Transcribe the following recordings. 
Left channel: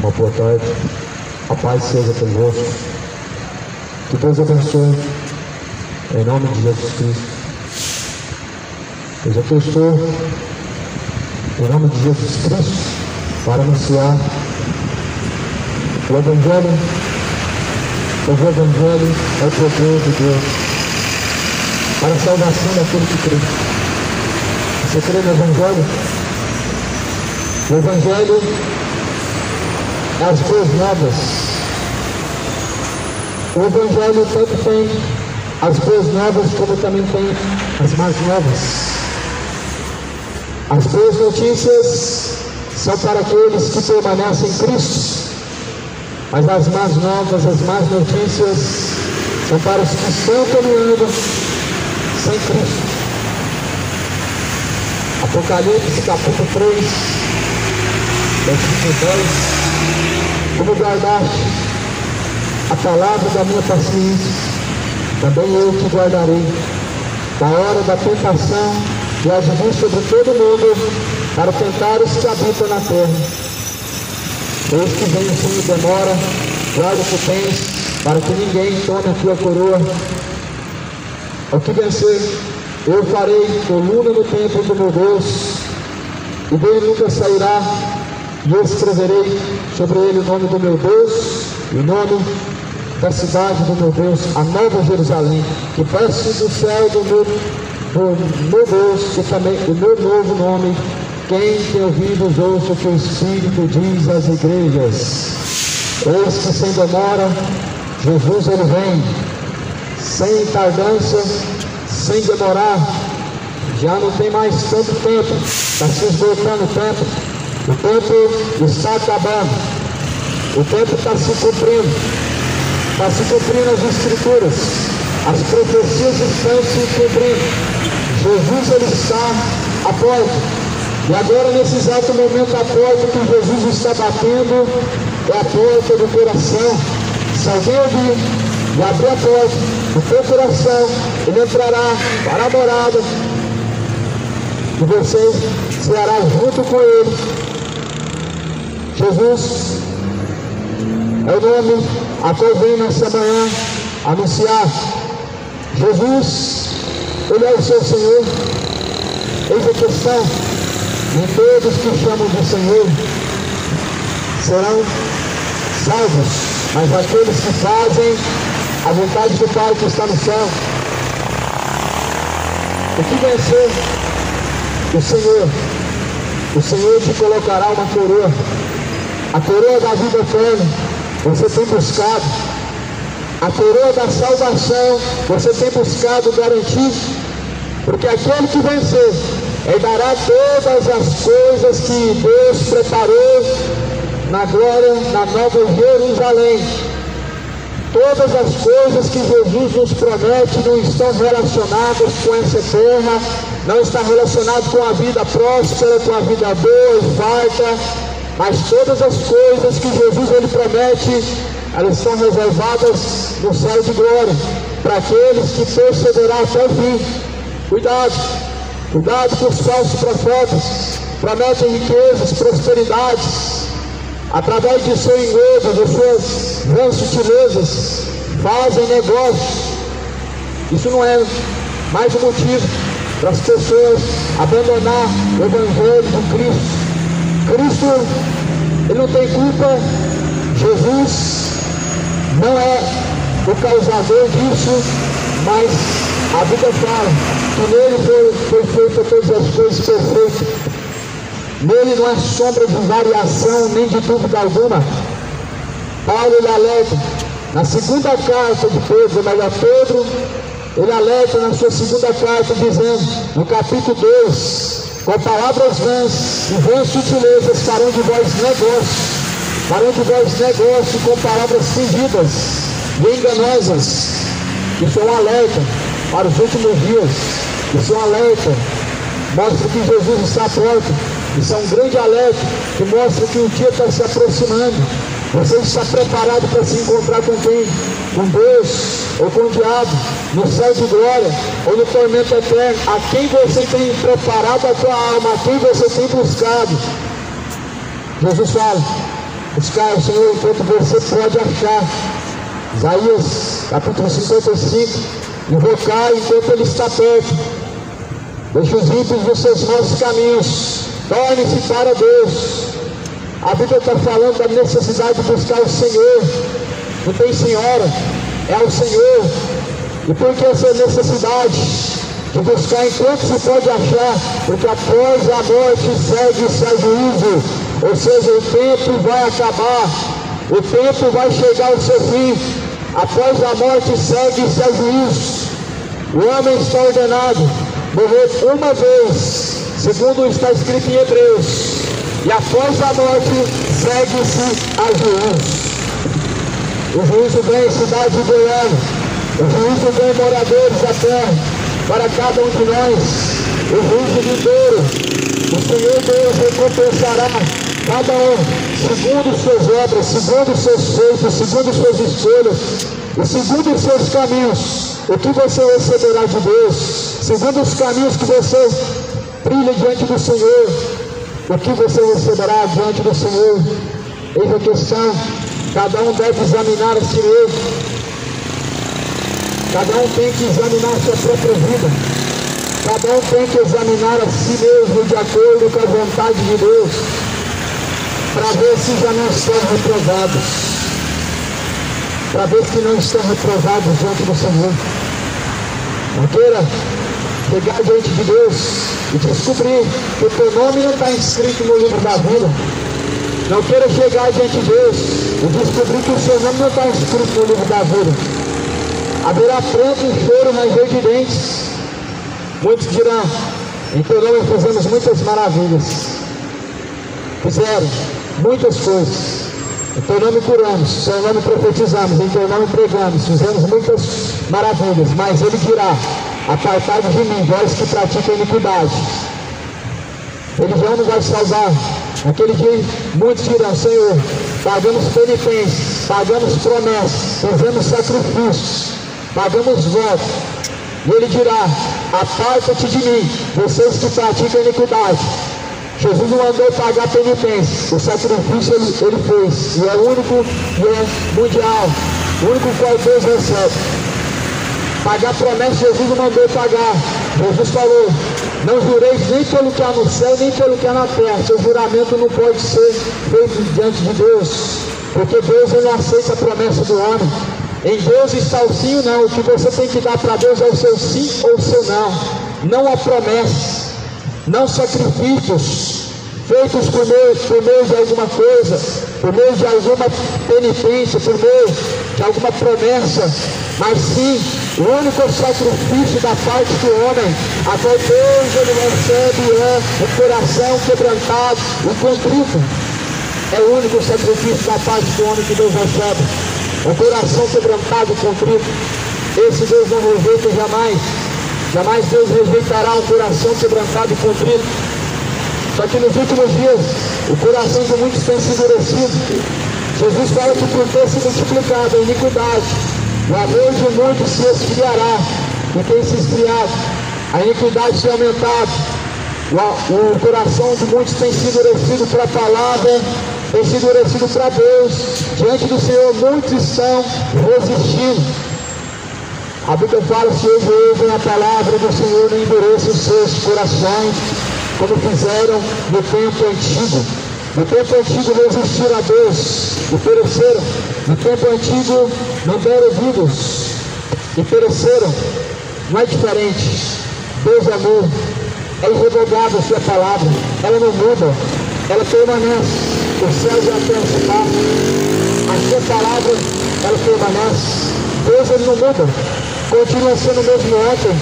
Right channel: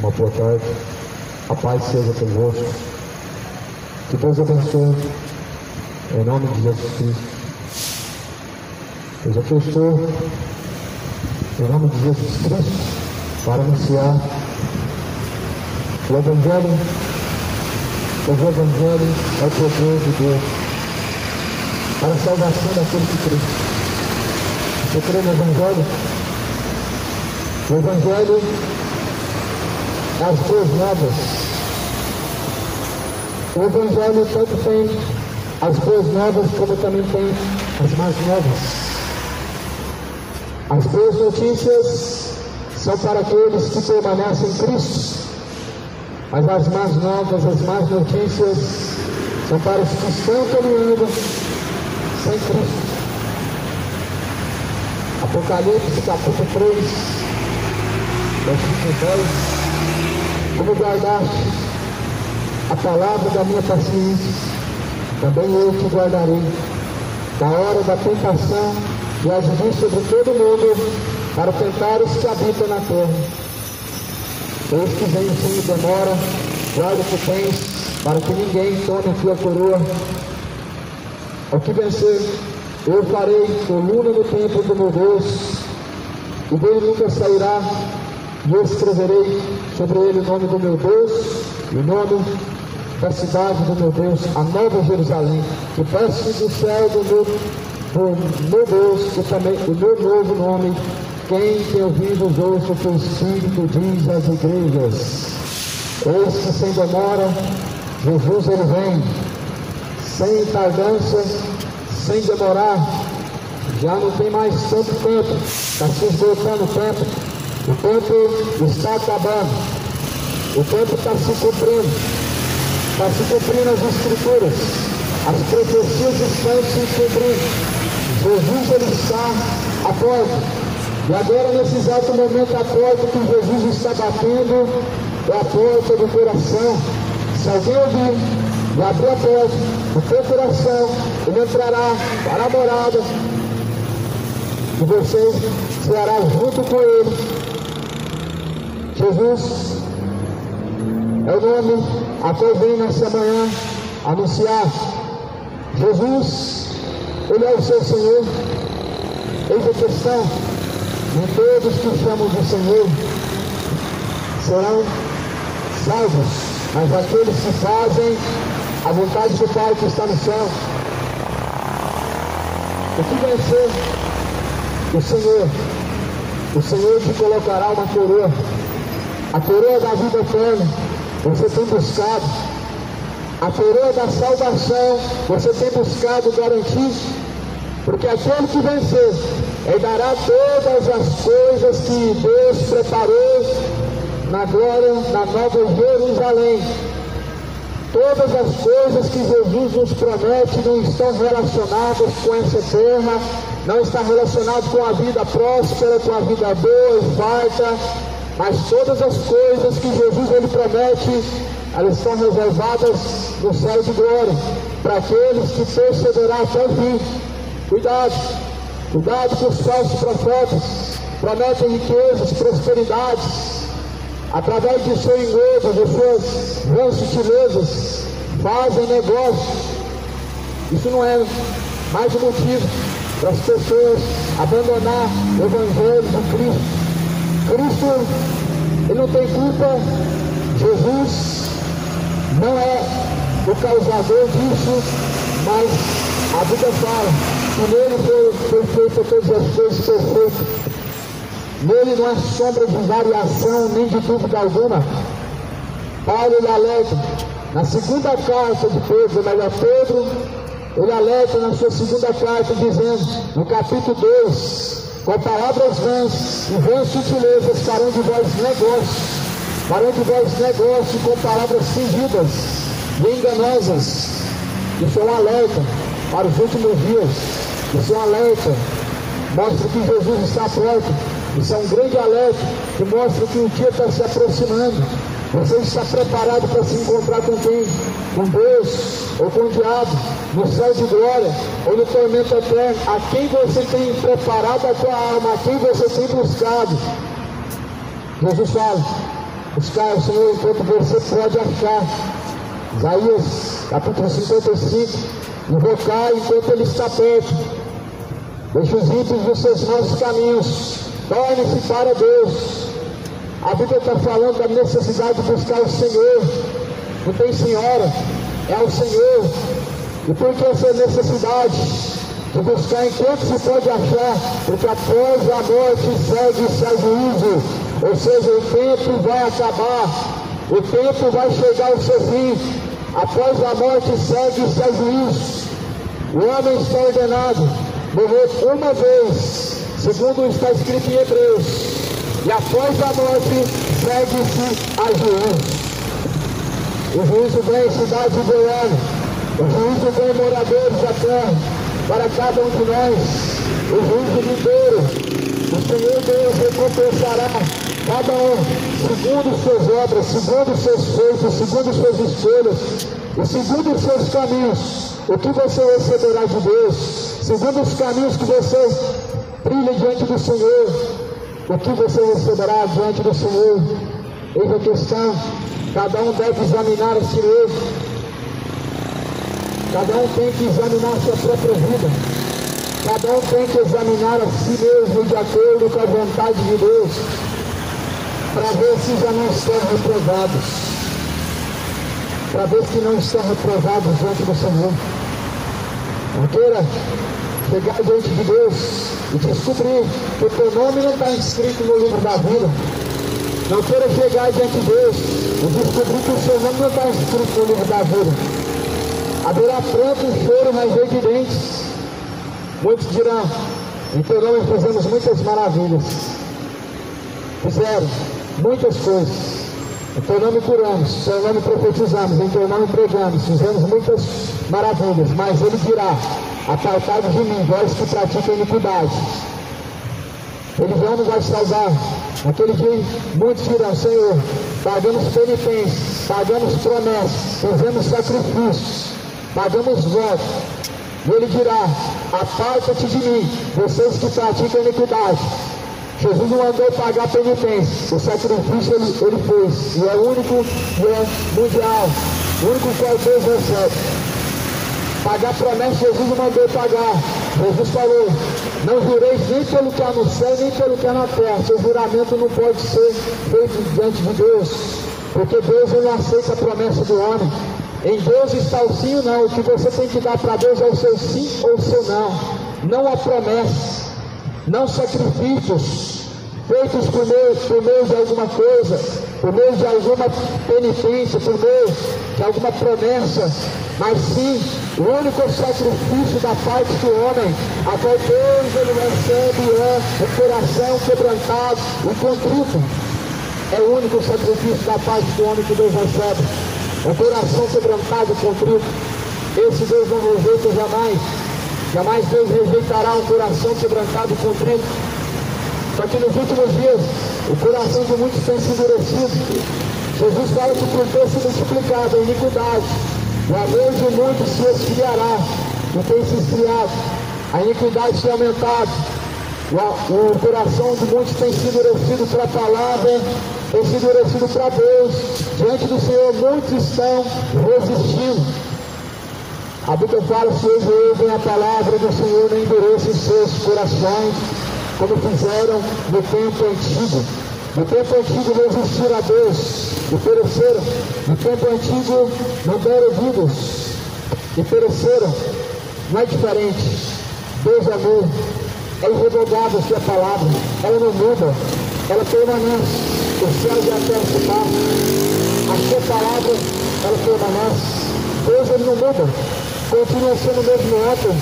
uma boa tarde. A paz seja convosco. Que Deus abençoe, em nome de Jesus Cristo. Pois aqui eu estou, em nome de Jesus Cristo, para anunciar o Evangelho. O Evangelho é o poder de Deus para a salvação daquele que crê. Você crê no Evangelho? O Evangelho é as boas novas. O Evangelho tanto tem as boas novas como também tem as más novas. As boas notícias são para aqueles que permanecem em Cristo, mas as más novas, as más notícias são para os que estão caminhando sem Cristo. Apocalipse capítulo 3, versículo 10: como guardaste a palavra da minha paciência, também eu te guardarei da hora da tentação que há de vir sobre todo mundo para tentar os que habitam na terra. Eis que vem assim demora, guarda o que tens, para que ninguém tome a tua coroa. Ao que vencer, eu farei coluna no templo do meu Deus, e dele nunca sairá, e eu escreverei sobre ele o nome do meu Deus, e o nome da cidade do meu Deus, a nova Jerusalém, que peço do céu do meu Deus, e também o meu novo nome. Quem tem ouvidos ouça o que o Espírito diz às igrejas. Eis que sem demora, Jesus ele vem, sem tardança, sem demorar. Já não tem mais tanto tempo, está se esgotando o tempo. O tempo está acabando, o tempo está se cumprindo, as Escrituras, as profecias estão se cumprindo. Jesus ele está à porta. E agora, nesse exato momento, a porta que Jesus está batendo é a porta do coração. Se alguém ouvir e abrir a porta do teu coração, ele entrará para a morada e você ceará junto com ele. Jesus é o nome a qual vem nessa manhã anunciar. Jesus, ele é o seu Senhor. Eis a questão: nem todos que chamam de Senhor serão salvos, mas aqueles que fazem a vontade do Pai que está no céu. O que vencer, o Senhor te colocará uma coroa, a coroa da vida eterna. Você tem buscado a coroa da salvação, você tem buscado garantir, porque aquele que vencer herdará todas as coisas que Deus preparou na glória, na nova Jerusalém. Todas as coisas que Jesus nos promete não estão relacionadas com essa terra, não está relacionado com a vida próspera, com a vida boa e farta, mas todas as coisas que Jesus ele promete, elas são reservadas no céu de glória, para aqueles que perseverarão até o fim. Cuidado que os falsos profetas prometem riquezas, prosperidades, através de seu engodo, de suas vãs sutilezas, fazem negócios. Isso não é mais um motivo para as pessoas abandonar o Evangelho de Cristo. Cristo, ele não tem culpa. Jesus não é o causador disso, mas a Bíblia fala que nele foi feita todas as coisas perfeitas. Nele não há sombra de variação, nem de dúvida alguma. Paulo ele alerta na segunda carta de Pedro, mas a Pedro ele alerta na sua segunda carta, dizendo, no capítulo 2, com palavras vãs e vãs sutilezas farão de vós negócio com palavras fingidas e enganosas. Isso é um alerta para os últimos dias. Isso é um alerta, mostra que Jesus está à porta. Isso é um grande alerta que mostra que o dia está se aproximando. Você está preparado para se encontrar com quem? Com Deus ou com o diabo, no céu de glória ou no tormento eterno. A quem você tem preparado a tua alma, a quem você tem buscado. Jesus fala, buscar o Senhor enquanto você pode achar. Isaías capítulo 55, invocar enquanto Ele está perto. Deixe os ímpios dos seus maus caminhos, torne-se para Deus. A Bíblia está falando da necessidade de buscar o Senhor. Não tem senhora, é o Senhor. E por que essa necessidade de buscar enquanto se pode achar? Porque após a morte segue-se a juízo. Ou seja, o tempo vai acabar, o tempo vai chegar ao seu fim. Após a morte segue-se a juízo. O homem está ordenado morrer uma vez, segundo está escrito em Hebreus, e após a morte segue-se a juízo. O juízo vem à cidade de Goiânia, o juízo vem moradores da terra, para cada um de nós, o juízo vindouro. O Senhor Deus recompensará cada um segundo suas obras, segundo seus feitos, segundo suas escolhas e segundo os seus caminhos. O que você receberá de Deus, segundo os caminhos que você trilha diante do Senhor, o que você receberá diante do Senhor? Eis a questão. Cada um deve examinar a si mesmo. Cada um tem que examinar a sua própria vida. Cada um tem que examinar a si mesmo de acordo com a vontade de Deus, para ver se já não estão reprovados, para ver se não estão reprovados diante do Senhor. Não queira chegar diante de Deus e descobrir que o teu nome não está inscrito no livro da vida. Não queira chegar diante de Deus e descobrir que o seu nome não está inscrito no livro da vida. Haverá pranto e choro, ranger de dentes. Muitos dirão: em teu nome fizemos muitas maravilhas. Fizeram muitas coisas. Em teu nome curamos, em teu nome profetizamos, em teu nome pregamos, fizemos muitas maravilhas. Mas ele dirá: apartai-vos de mim, vós que praticam iniquidade. Religião não vai salvar. Naquele dia muitos dirão: Senhor, pagamos penitências, pagamos promessas, fizemos sacrifícios, pagamos votos. E ele dirá: aparta-te de mim, vocês que praticam iniquidade. Jesus não mandou pagar penitência, o sacrifício ele fez, e é o único e é mundial, o único qual Deus recebe. Pagar promessa, Jesus não mandou pagar. Jesus falou: não jureis nem pelo que há no céu, nem pelo que há na terra. Seu juramento não pode ser feito diante de Deus, porque Deus ele não aceita a promessa do homem. Em Deus está o sim ou não. O que você tem que dar para Deus é o seu sim ou o seu não. Não a promessa, não sacrifícios feitos por meio de alguma coisa, por meio de alguma penitência, por meio de alguma promessa, mas sim o único sacrifício da parte do homem, a qual Deus ele recebe é o coração quebrantado e contrito. É o único sacrifício da parte do homem que Deus recebe, o coração quebrantado e contrito. Esse Deus não rejeita jamais. Jamais Deus rejeitará um coração quebrantado e contrito. Só que nos últimos dias, o coração de muitos tem se endurecido. Jesus fala que por ter se multiplicado a iniquidade, o amor de muitos se esfriará. E tem se esfriado, a iniquidade tem aumentado. O coração de muitos tem se endurecido para a palavra, tem se endurecido para Deus. Diante do Senhor, muitos estão resistindo. A Bíblia fala: se hoje ouvem a palavra do Senhor, não endureçam os seus corações, como fizeram no tempo antigo. No tempo antigo resistiram a Deus e pereceram. No tempo antigo não deram ouvidos e pereceram. Não é diferente. Deus é amor, é irrevogável a sua palavra, ela não muda, ela permanece. Os céus e a terra se passam, a sua palavra ela permanece. Deus ele não muda, continua sendo o mesmo ontem,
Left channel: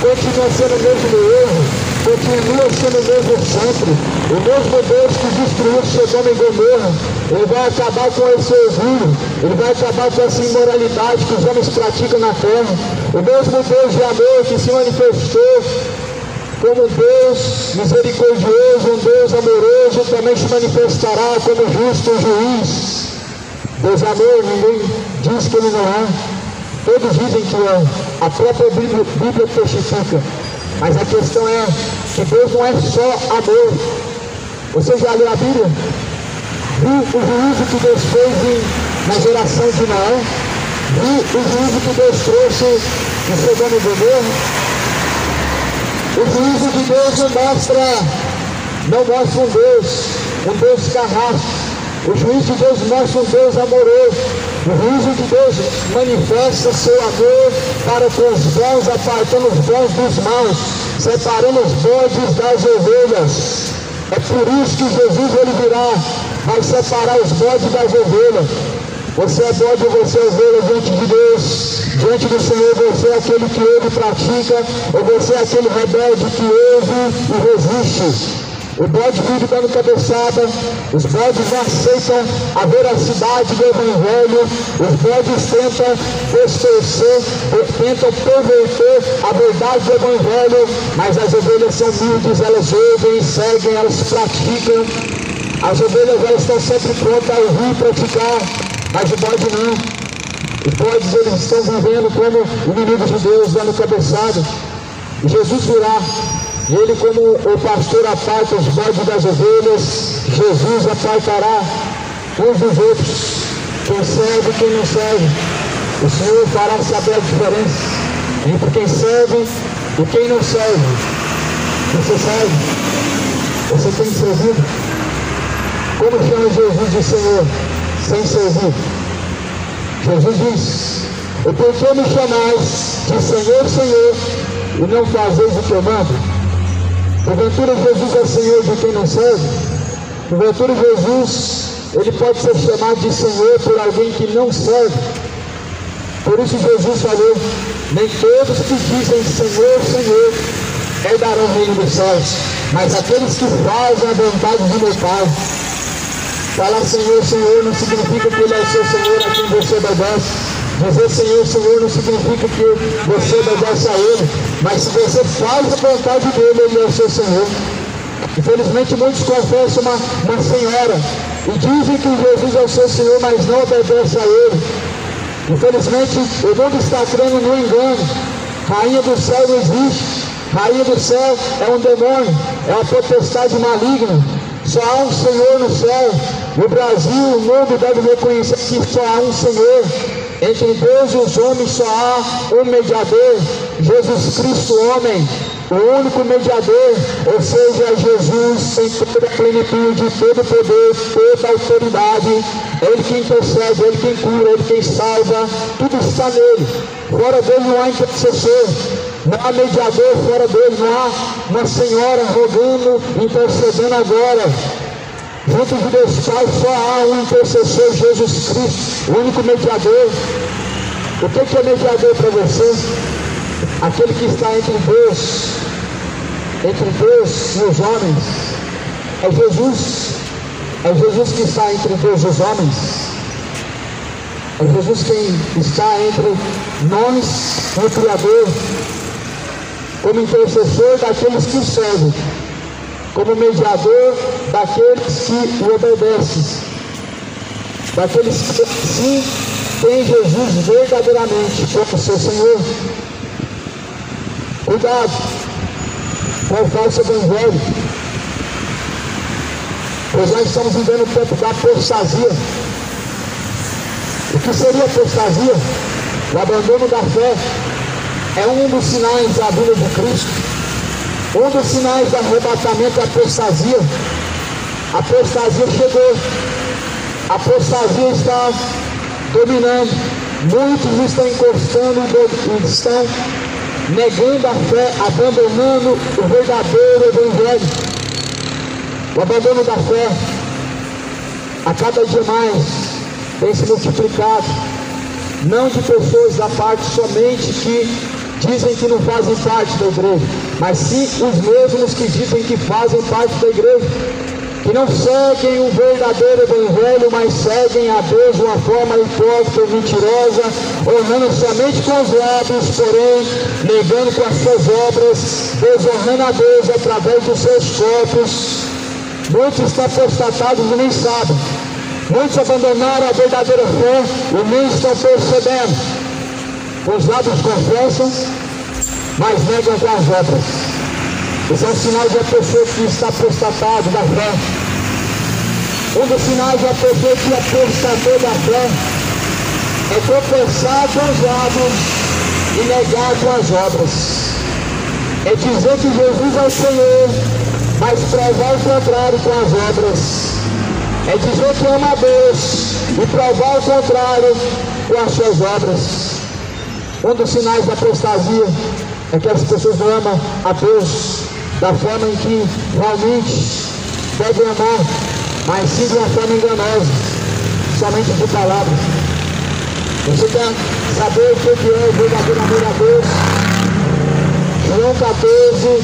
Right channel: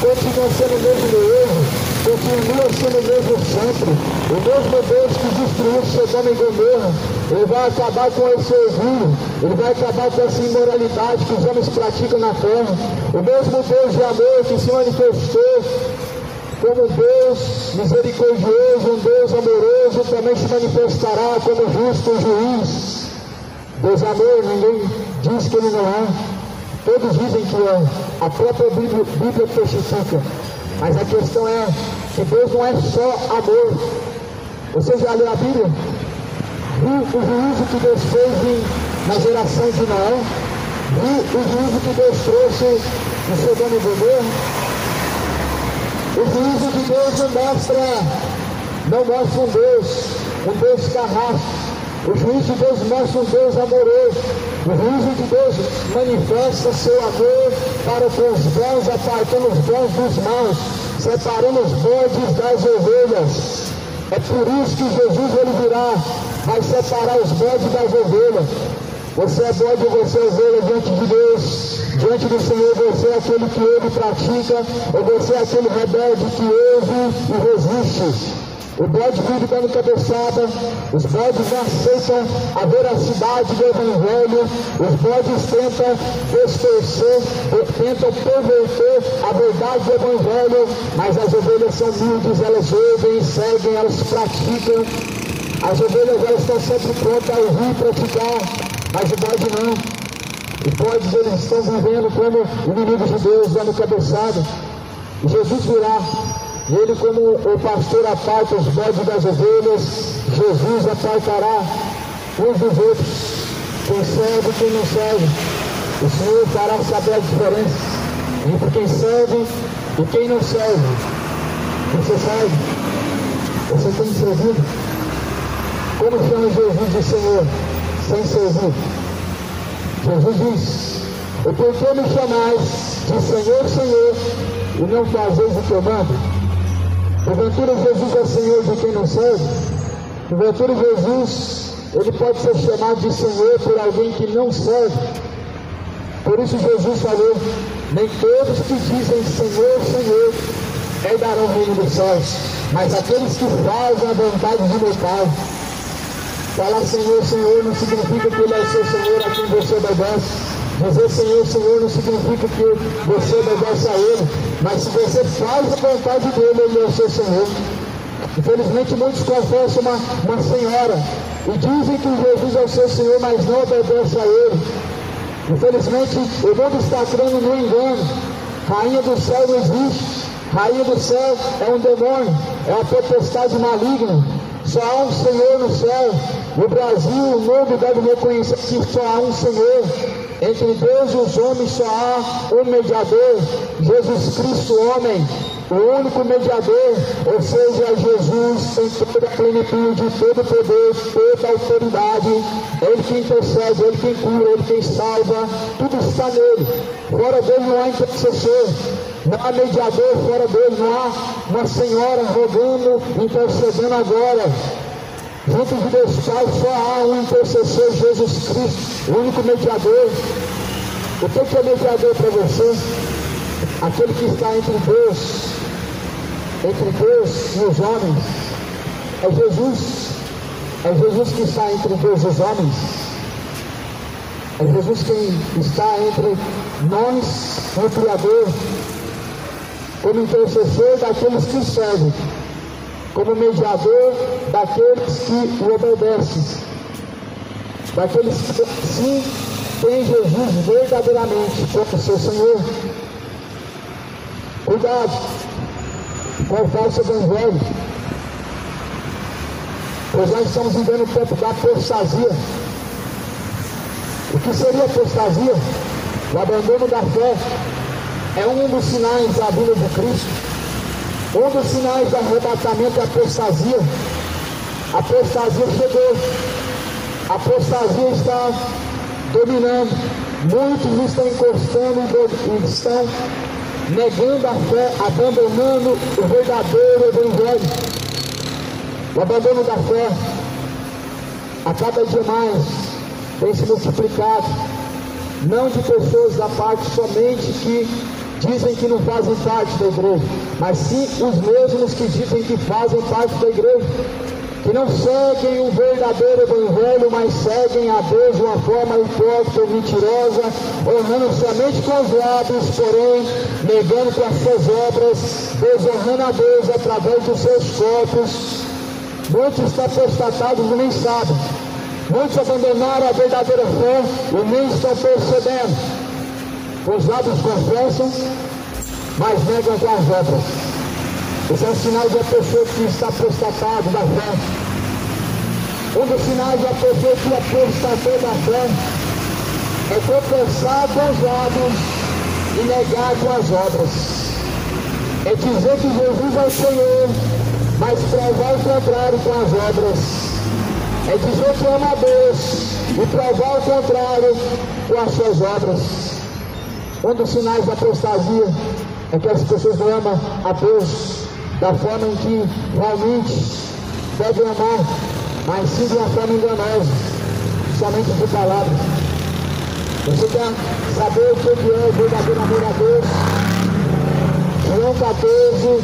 continua sendo o mesmo hoje, continua sendo o mesmo sempre. O mesmo Deus que destruiu Sodoma e Gomorra, ele vai acabar com esse orgulho, ele vai acabar com essa imoralidade que os homens praticam na terra. O mesmo Deus de amor que se manifestou como Deus misericordioso, um Deus amoroso, também se manifestará como justo juiz. Deus amor, ninguém diz que ele não é. Todos dizem que é. A própria Bíblia testifica. Mas a questão é que Deus não é só amor. Você já leu a Bíblia? Vi o juízo que Deus fez na geração de Noé. Vi o juízo que Deus trouxe em Sodoma e Gomorra. O juízo de Deus não mostra um Deus carrasco. O juízo de Deus mostra um Deus amoroso. O juízo de Deus manifesta seu amor para com os bons, apartando os bons dos maus, separando os bodes das ovelhas. É por isso que Jesus ele virá, vai separar os bodes das ovelhas. Você é bode, você é ovelha diante de Deus, diante do Senhor. Você é aquele que ele pratica, ou você é aquele rebelde que ouve e resiste. O bode vive dando cabeçada, os bodes aceitam a veracidade do Evangelho, os bodes tentam distorcer, tentam perverter a verdade do Evangelho, mas as ovelhas são humildes, elas ouvem, seguem, elas praticam. As ovelhas elas estão sempre prontas a ouvir e praticar, mas o bode não. Os bodes eles estão vivendo como inimigos de Deus, dando cabeçada. E Jesus virá. E ele, como o pastor aparta os bodes das ovelhas, Jesus apartará uns dos outros, quem serve e quem não serve. O Senhor fará saber a diferença entre quem serve e quem não serve. Você serve? Você tem servido? Como chama Jesus de Senhor? Sem servir. Jesus diz: e por que me chamais de Senhor, Senhor, e não fazeis o que eu mando? Porventura Jesus é Senhor de quem não serve? Porventura Jesus, ele pode ser chamado de Senhor por alguém que não serve. Por isso Jesus falou: nem todos que dizem Senhor, Senhor, herdarão o reino dos céus, mas aqueles que fazem a vontade do meu Pai. Falar Senhor, Senhor não significa que ele é seu Senhor a quem você obedece. Dizer Senhor, Senhor não significa que você obedece a Ele, mas se você faz a vontade dEle, Ele é o seu Senhor. Infelizmente muitos confessam uma senhora e dizem que Jesus é o seu Senhor, mas não obedecem a Ele. Infelizmente o mundo está crendo no engano. Rainha do céu não existe. Rainha do céu é um demônio, é uma potestade maligna. Só há um Senhor no céu. No Brasil, o mundo deve reconhecer que só há um Senhor. Entre Deus e os homens só há um mediador, Jesus Cristo, homem, o único mediador, ou seja, Jesus em toda a plenitude, todo poder, toda autoridade. Ele que intercede, Ele quem cura, Ele quem salva, tudo está nele. Fora dele não há intercessor, não há mediador fora dele, não há uma senhora rogando, intercedendo agora. Junto de Deus Pai só há um intercessor, Jesus Cristo, o único mediador. O que é mediador para você? Aquele que está entre Deus e os homens. É Jesus que está entre Deus e os homens. É Jesus quem está entre nós e o Criador, como intercessor daqueles que servem, como mediador daqueles que o obedecem, daqueles que sim têm Jesus verdadeiramente como seu Senhor. Cuidado com o falso evangelho, pois nós estamos vivendo o tempo da apostasia. O que seria apostasia? O abandono da fé é um dos sinais da vinda de Cristo. Um dos sinais do arrebatamento é a apostasia. A apostasia chegou. A apostasia está dominando. Muitos estão encostando e estão negando a fé, abandonando o verdadeiro evangelho. O abandono da fé a cada dia mais tem se multiplicado. Não de pessoas da parte somente que dizem que não fazem parte da igreja, mas sim os mesmos que dizem que fazem parte da igreja, que não seguem o verdadeiro evangelho, mas seguem a Deus de uma forma hipócrita e mentirosa, honrando somente com os lábios, porém negando com as suas obras, desonrando a Deus através dos seus corpos. Muitos estão apostatados e nem sabem. Muitos abandonaram a verdadeira fé e nem estão percebendo. Os lábios confessam, mas negam com as obras. Esse é um sinal de uma pessoa que está apostatado da fé. Um dos sinais da pessoa que apostatou da fé é confessar com os lábios e negar com as obras. É dizer que Jesus é o Senhor, mas provar o contrário com as obras. É dizer que ama a Deus e provar o contrário com as suas obras. Um dos sinais da apostasia é que as pessoas não amam a Deus da forma em que realmente devem amar, mas sim de uma forma enganosa, somente de palavras. Você quer saber o que é o verdadeiro amor a Deus? João 14,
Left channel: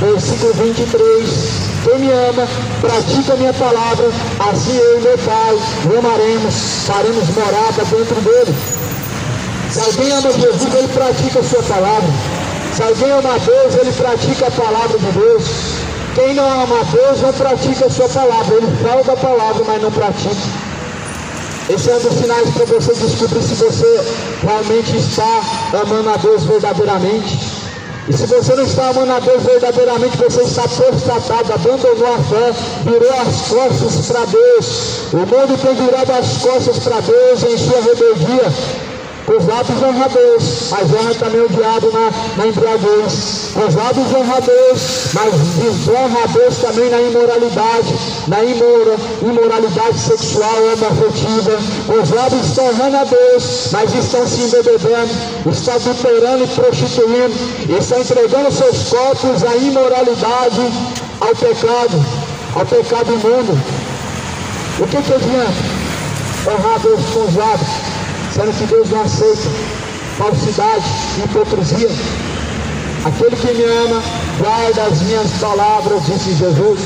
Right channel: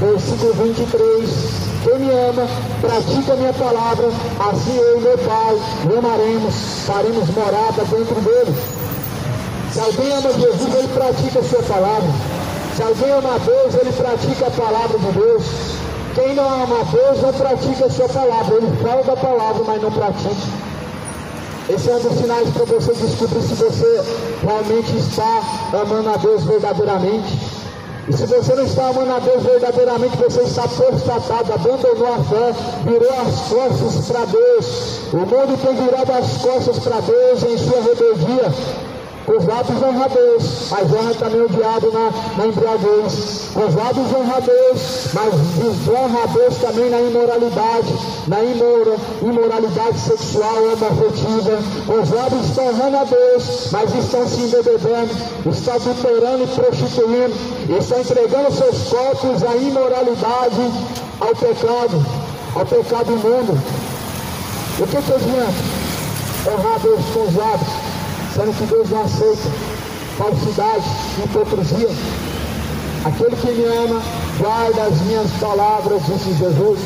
versículo 23. Quem me ama, pratica a minha palavra, assim eu e meu Pai o amaremos, faremos morada dentro dele. Se alguém ama Jesus, ele pratica a sua palavra. Se alguém ama a Deus, ele pratica a palavra de Deus. Quem não ama a Deus, não pratica a sua palavra. Ele fala da palavra, mas não pratica. Esse é um dos sinais para você descobrir se você realmente está amando a Deus verdadeiramente. E se você não está amando a Deus verdadeiramente, você está apostatado, abandonou a fé, virou as costas para Deus. O mundo tem virado as costas para Deus em sua rebeldia. Os lábios honram a Deus, mas honra também o diabo na embriaguez. Os lábios honram a Deus, mas desonra a Deus também na imoralidade, imoralidade sexual, homoafetiva. Os lábios estão honrando a Deus, mas estão se embebedando, estão adulterando e prostituindo, estão entregando seus corpos à imoralidade, ao pecado imundo. O que adianta honrar a Deus com os lábios, sendo que Deus não aceita falsidade e hipocrisia? Aquele que me ama, guarda as minhas palavras, disse Jesus.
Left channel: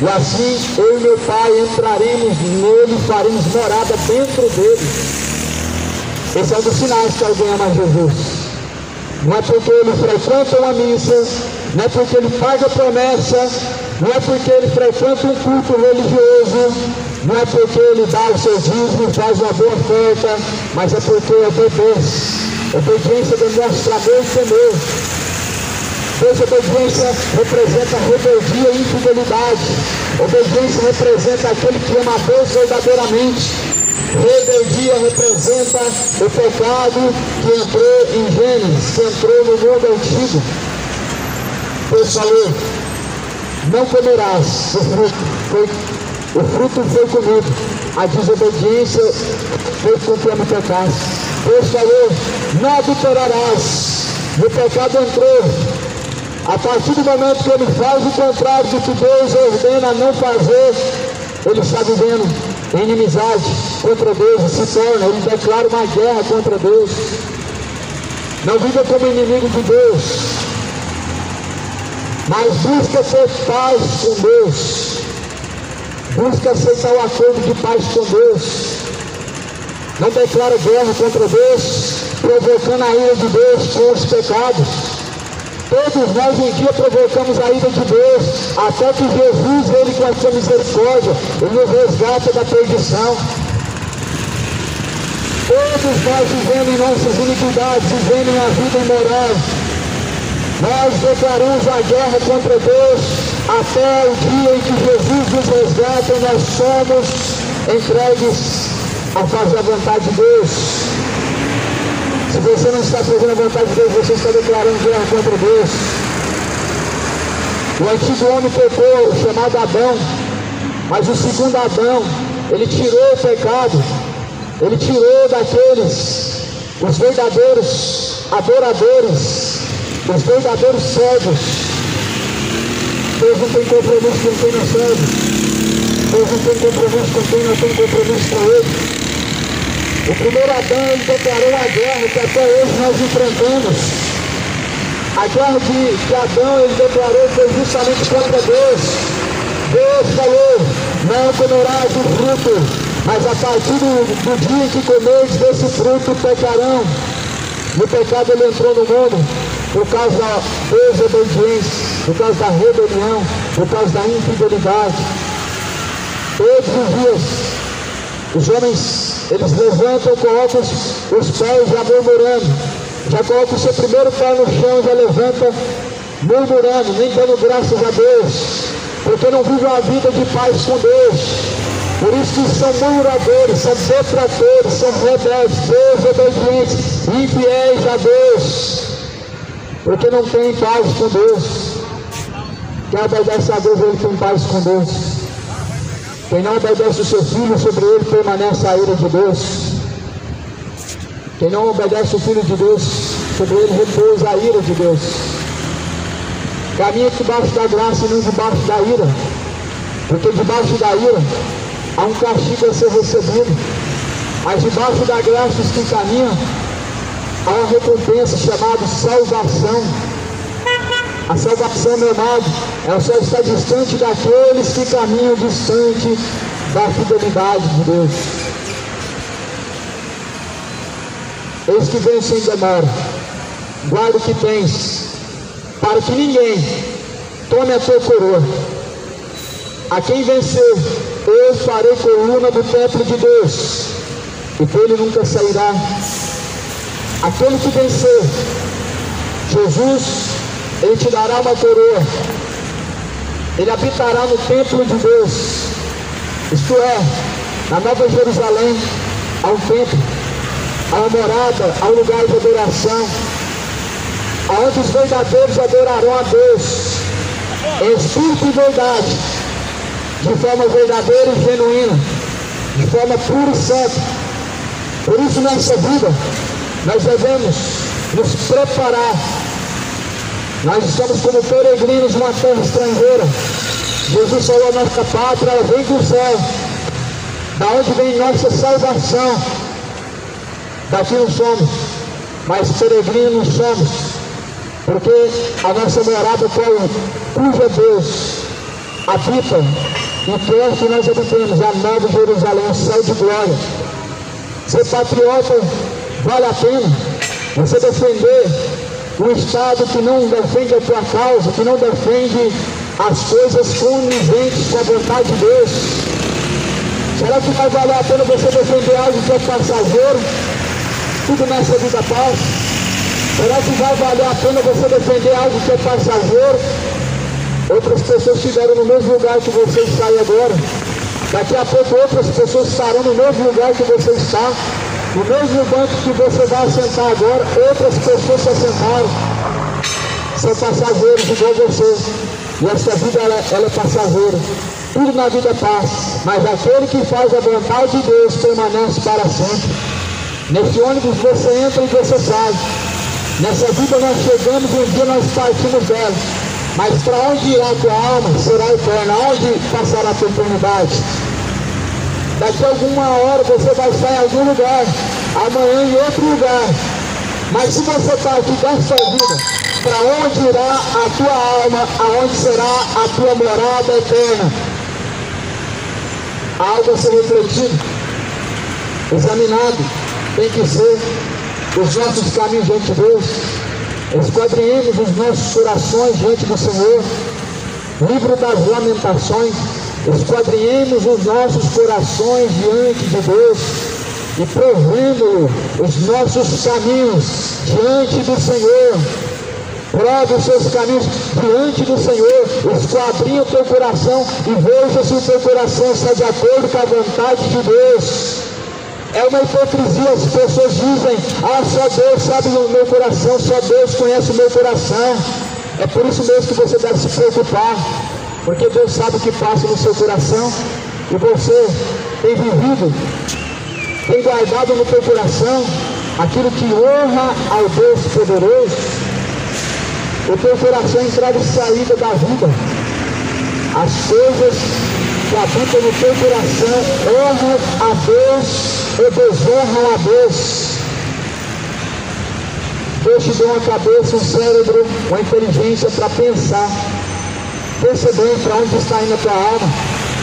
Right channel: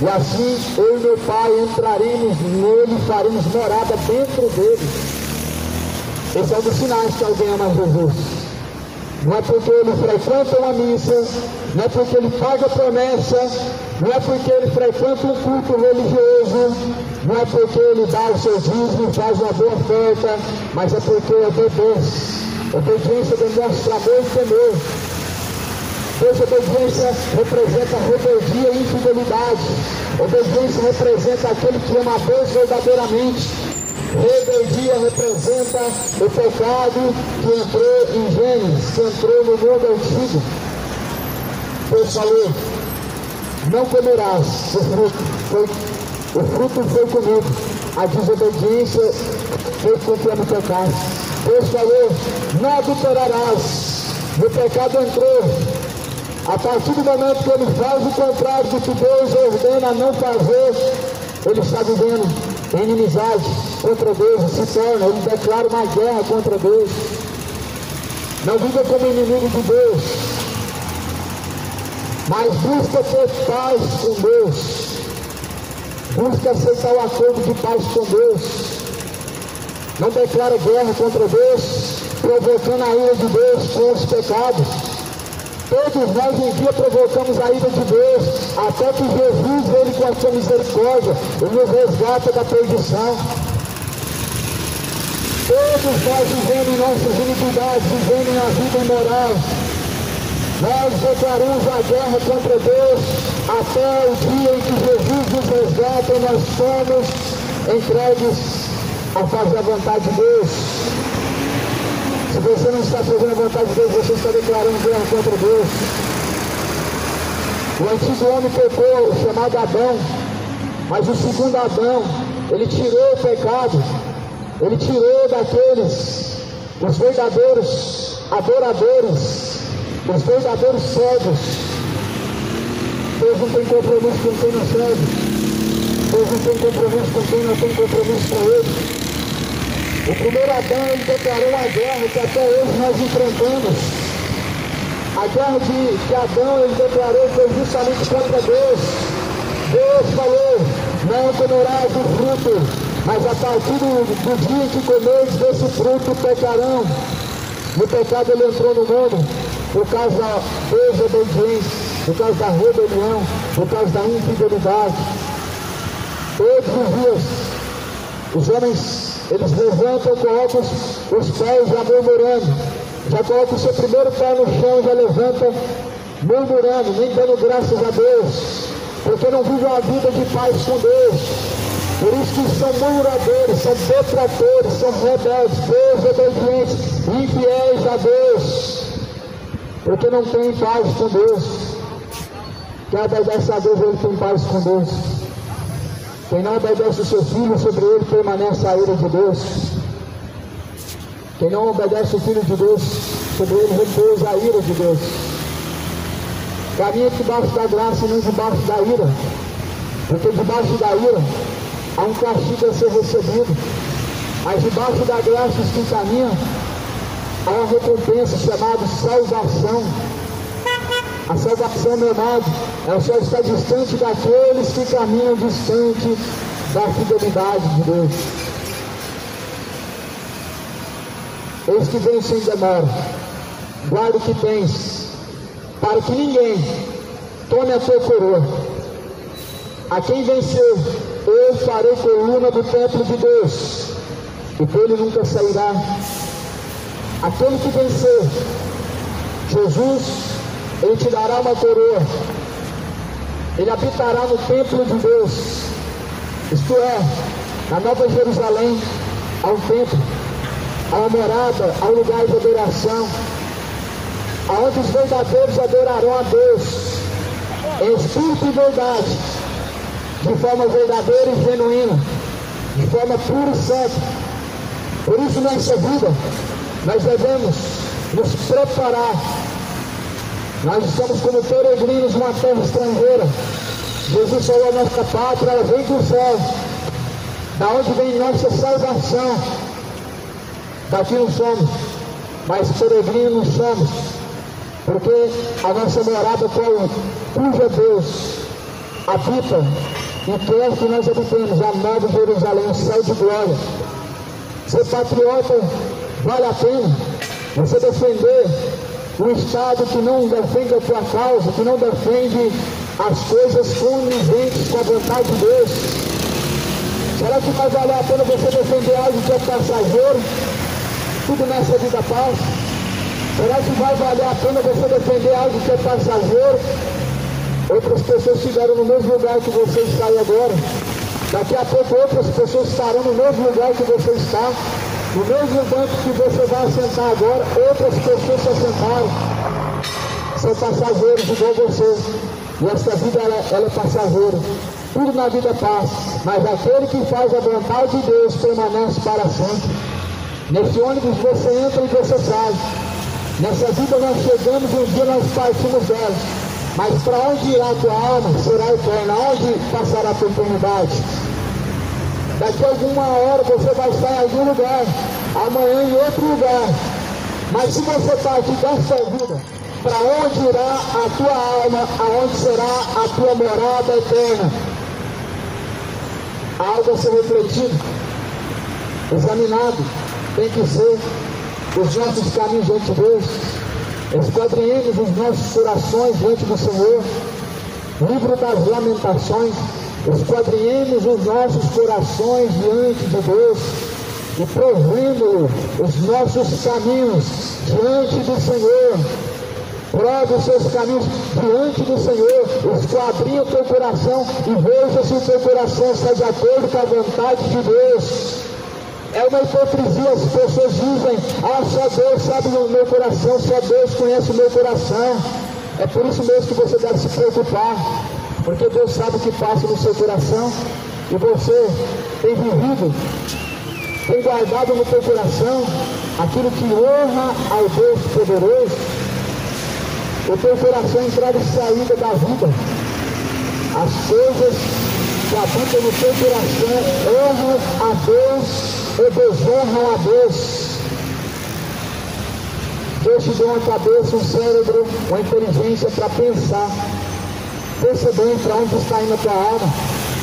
E assim eu e meu Pai entraremos nele e faremos morada dentro dele. Esse é um dos sinais que alguém ama Jesus. Não é porque ele frequenta uma missa, não é porque ele paga promessa, não é porque ele frequenta um culto religioso, não é porque ele dá o seu dízimo e faz uma boa oferta, mas é porque obedece. Obediência demonstra amor e temor. Desobediência representa rebeldia e infidelidade. Obediência representa aquele que ama a Deus verdadeiramente. Rebeldia representa o pecado que entrou em Gênesis, que entrou no mundo antigo. Deus falou: não comerás o fruto foi comido, a desobediência foi com que me pecasse. Deus falou: não adulterarás, o pecado entrou. A partir do momento que ele faz o contrário do que Deus ordena não fazer, ele está vivendo em inimizade contra Deus e se torna, ele declara uma guerra contra Deus. Não viva como inimigo de Deus, mas busca ter paz com Deus. Busca aceitar o acordo de paz com Deus. Não declara guerra contra Deus, provocando a ira de Deus com os pecados. Todos nós um dia provocamos a ira de Deus, até que Jesus, ele com a sua misericórdia, ele nos resgata da perdição. Todos nós vivendo em nossas iniquidades, vivendo uma vida imoral, nós declaramos a guerra contra Deus, até o dia em que Jesus nos resgata e nós somos entregues a fazer a vontade de Deus. Se você não está fazendo a vontade de Deus, você está declarando guerra contra Deus. O antigo homem pecou, chamado Adão, mas o segundo Adão, ele tirou o pecado, ele tirou daqueles, os verdadeiros adoradores, os verdadeiros cegos. Deus não tem compromisso com quem não serve. Deus não tem compromisso com quem não tem compromisso com ele. O primeiro Adão, ele declarou a guerra que até hoje nós enfrentamos. A guerra que Adão, ele declarou, foi justamente contra Deus. Deus falou: não comerás o fruto, mas a partir do dia que comeres desse fruto pecarão. E o pecado, ele entrou no mundo por causa da desobediência, por causa da rebelião, por causa da infidelidade. Todos os dias, os homens, eles levantam, colocam os pés já murmurando, já colocam o seu primeiro pé no chão, já levanta murmurando, nem dando graças a Deus. porque não vivem uma vida de paz com Deus. Por isso que são murmuradores, são detratores, são rebeldes, desobedientes, infiéis a Deus, porque não tem paz com Deus. Quem obedece a Deus, ele tem paz com Deus. Quem não obedece o seu filho, sobre ele permanece a ira de Deus. Quem não obedece o Filho de Deus, sobre ele repousa a ira de Deus. Caminha debaixo da graça e não debaixo da ira, porque debaixo da ira há um castigo a ser recebido, mas debaixo da graça os que caminham há uma recompensa chamada salvação. A salvação, meu amado, ela só está distante daqueles que caminham distante da fidelidade de Deus. Eis que vem sem demora, guarda o que tens, para que ninguém tome a tua coroa. A quem vencer, eu farei coluna do templo de Deus, e dele nunca sairá. Aquele que vencer, Jesus, ele te dará uma coroa, ele habitará no templo de Deus, isto é, na Nova Jerusalém, há um templo, há uma morada, há um lugar de adoração, aonde os verdadeiros adorarão a Deus, em espírito e verdade, de forma verdadeira e genuína, de forma pura e santa. Por isso, nessa vida, nós devemos nos preparar. Nós estamos como peregrinos numa terra estrangeira. Jesus falou: nossa pátria vem do céu, da onde vem nossa salvação. Daqui não somos, mas peregrinos somos, porque a nossa morada cuja Deus habita e quer que nós habitemos a Nova Jerusalém, o céu de glória. Ser patriota vale a pena. Você defender um Estado que não defende a tua causa, que não defende as coisas coniventes com a vontade de Deus. Será que vai valer a pena você defender algo que é passageiro? Tudo nessa vida passa. Será que vai valer a pena você defender algo que é passageiro? Outras pessoas estiveram no mesmo lugar que você está aí agora. Daqui a pouco outras pessoas estarão no mesmo lugar que você está. No mesmo banco que você vai assentar agora, outras pessoas se assentaram. São passageiros igual você. E essa vida ela é passageira. Tudo na vida passa, mas aquele que faz a vontade de Deus permanece para sempre. Nesse ônibus você entra e você sai. Nessa vida nós chegamos e um dia nós partimos dela. Mas para onde irá a tua alma será eterna? Onde passará a tua eternidade? Daqui a alguma hora você vai estar em algum lugar, amanhã em outro lugar. Mas se você está aqui dessa vida, para onde irá a tua alma? Aonde será a tua morada eterna? Algo a ser refletido, examinado, tem que ser os nossos caminhos diante de Deus. Esquadrinhemos os nossos corações diante do Senhor. Livro das Lamentações. Esquadrinhemos os nossos corações diante de Deus e provemos os nossos caminhos diante do Senhor. Prove os seus caminhos diante do Senhor. Esquadrinha o teu coração e veja se o teu coração está de acordo com a vontade de Deus. É uma hipocrisia, as pessoas dizem: ah, só Deus sabe o meu coração, só Deus conhece o meu coração. É por isso mesmo que você deve se preocupar, porque Deus sabe o que passa no seu coração, e você tem vivido, tem guardado no teu coração aquilo que honra ao Deus poderoso. O teu coração é entrada e saída da vida. As coisas que habitam no teu coração honram a Deus e desonram a Deus. Deus te deu uma cabeça, um cérebro, uma inteligência para pensar. Pensa bem para onde está indo a tua alma.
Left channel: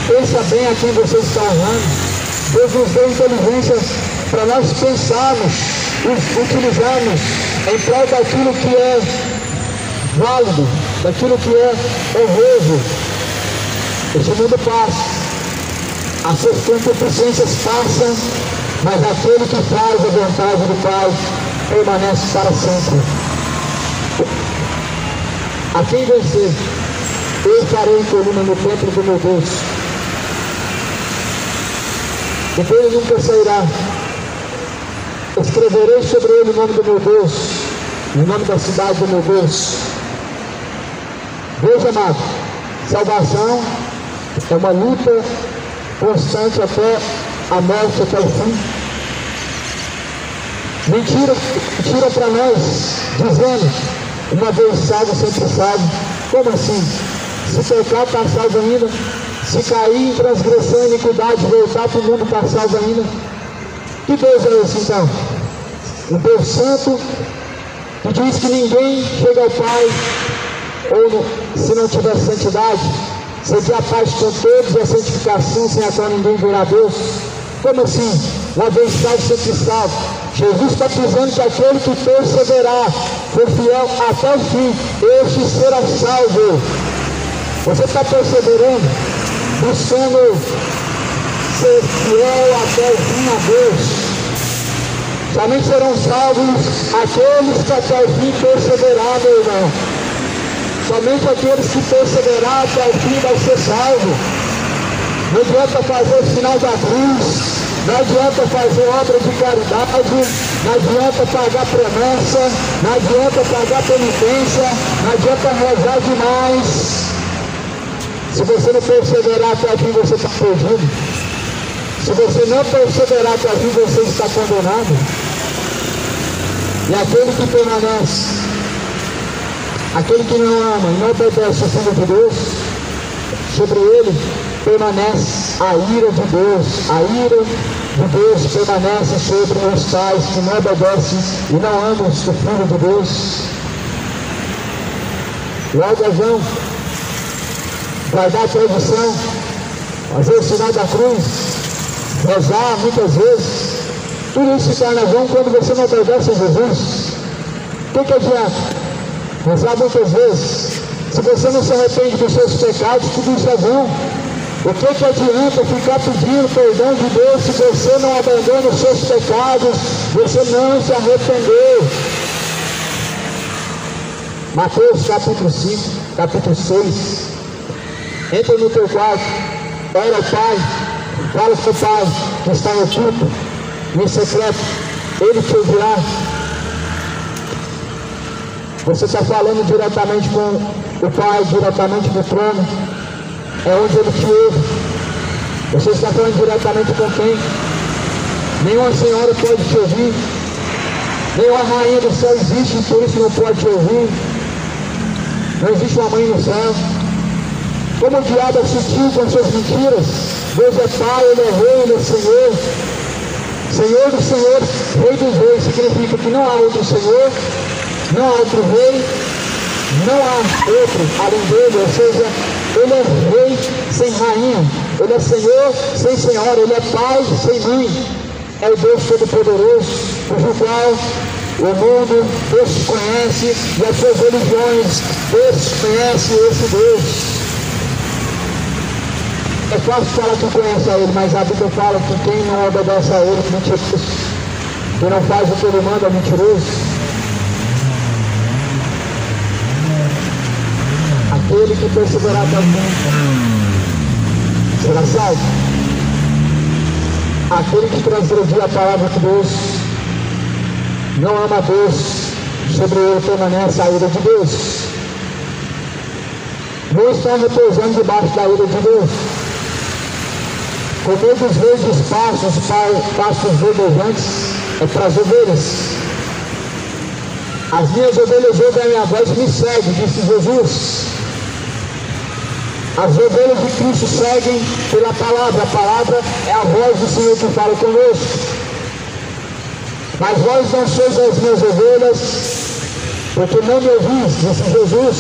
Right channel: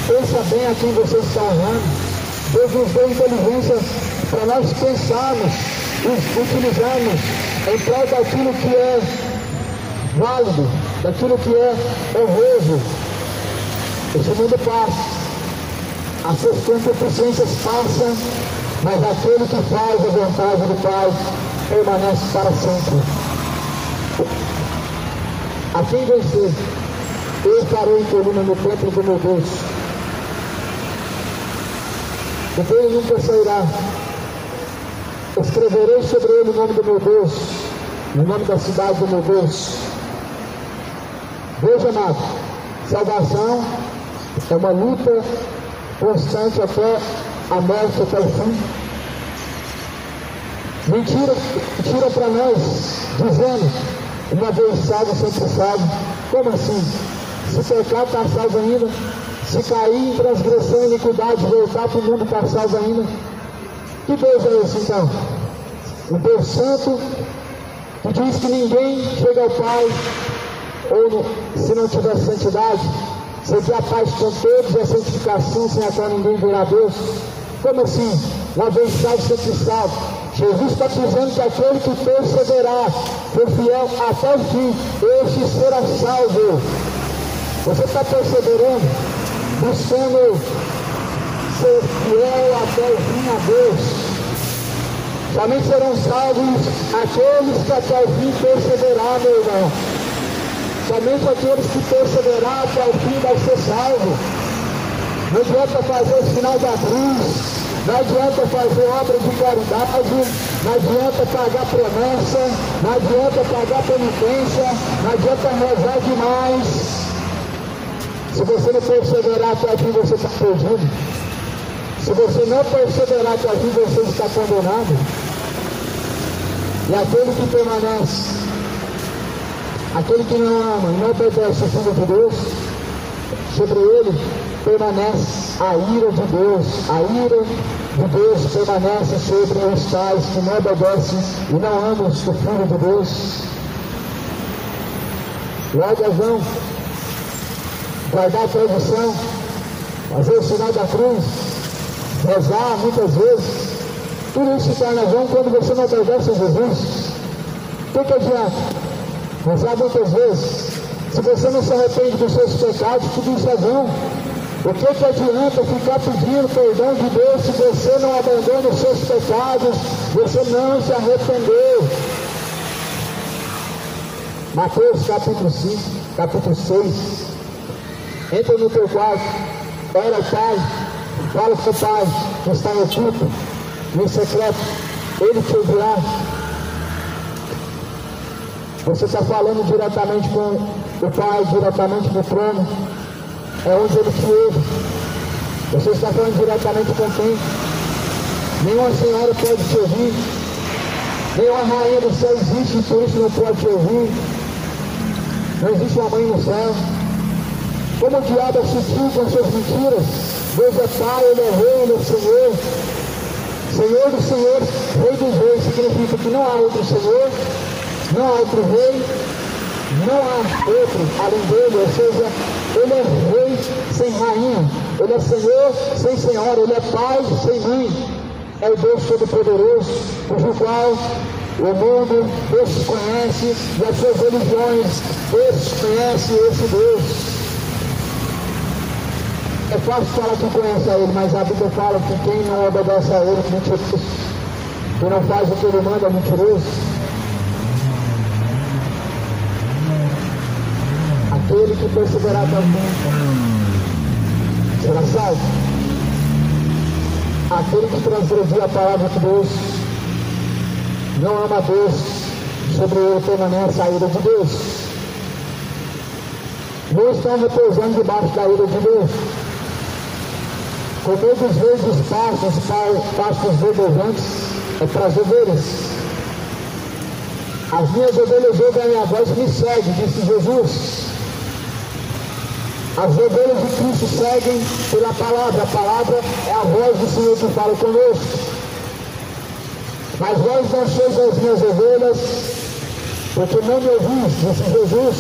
Pensa bem a quem você está honrando. Deus nos deu inteligência para nós pensarmos e utilizarmos em prol daquilo que é válido, daquilo que é honroso. Esse mundo passa, as suas concupiscências passam, mas aquele que faz a vontade do Pai permanece para sempre. A quem vencer, eu farei coluna no templo do meu Deus. E dele nunca sairá. Escreverei sobre ele o nome do meu Deus, o nome da cidade do meu Deus. Veja, amado, salvação é uma luta constante até a morte, até o fim. Mentira para nós, dizendo, uma vez salvo, sempre salvo. Como assim? Se pecar, está salvo ainda. Se cair em transgressão e iniquidade, voltar para o mundo, está salvo ainda. Que Deus é esse então? Um Deus santo, que diz que ninguém chega ao Pai, ou se não tiver santidade, seja a paz com todos e a santificação, sem a qual ninguém verá Deus. Como assim? Uma vez salvo, sempre salvo. Jesus está dizendo que aquele que perseverar, for fiel até o fim, este será salvo. Você está perseverando, buscando ser fiel até o fim a Deus. Somente serão salvos aqueles que até o fim perseverar, meu irmão. Somente aqueles que perseverar até o fim vai ser salvo. Não adianta fazer o sinal da cruz, não adianta fazer obra de caridade, não adianta pagar promessa, não adianta pagar penitência, não adianta rezar demais. Se você não perseverar até o fim, você está perdido. Se você não perseverar até o fim, você está condenado. E aquele que permanece, aquele que não ama e não obedece o Filho de Deus, sobre ele permanece a ira de Deus. A ira de Deus permanece sobre os tais que não obedecem e não amam o Filho de Deus. Logo é vão guardar a tradição, fazer o sinal da cruz, rezar muitas vezes. Tudo isso se torna vão quando você não obedece a Jesus. O que adianta? Rezar muitas vezes. Se você não se arrepende dos seus pecados, tudo isso é vão. O que adianta ficar pedindo perdão de Deus se você não abandona os seus pecados, você não se arrependeu? Mateus capítulo 5, capítulo 6. Entra no teu quarto, ora ao Pai, fala com o Pai que está no oculto, no secreto, Ele te ouvirá. Você está falando diretamente com o Pai, diretamente do trono, é onde Ele te ouve. Você está falando diretamente com quem? Nenhuma senhora pode te ouvir, nenhuma rainha do céu existe, por isso não pode te ouvir. Não existe uma mãe no céu. Como o diabo é sutil com suas mentiras. Deus é Pai, Ele é Rei, Ele é Senhor. Senhor do Senhor, Rei dos Reis, significa que não há outro Senhor, não há outro Rei, não há outro além dele. Ou seja, Ele é Rei sem rainha, Ele é Senhor sem senhora, Ele é Pai sem mãe. É o Deus Todo-Poderoso, cujo qual o mundo desconhece e as suas religiões desconhecem esse Deus. É fácil falar que conhece a Ele, mas a Bíblia fala que quem não obedece a Ele é mentiroso. Quem não faz o que Ele manda é mentiroso. Aquele que perseverar até o fim será salvo. Aquele que transgredir a palavra de Deus, não ama a Deus, sobre ele permanece a ira de Deus. Não está repousando debaixo da ira de Deus. Comer dos verdes pastos verdejantes é para as ovelhas. As minhas ovelhas ouvem a minha voz e me seguem, disse Jesus. As ovelhas de Cristo seguem pela palavra. A palavra é a voz do Senhor que fala conosco. Mas vós não sois as minhas ovelhas, porque não me ouvis, disse Jesus.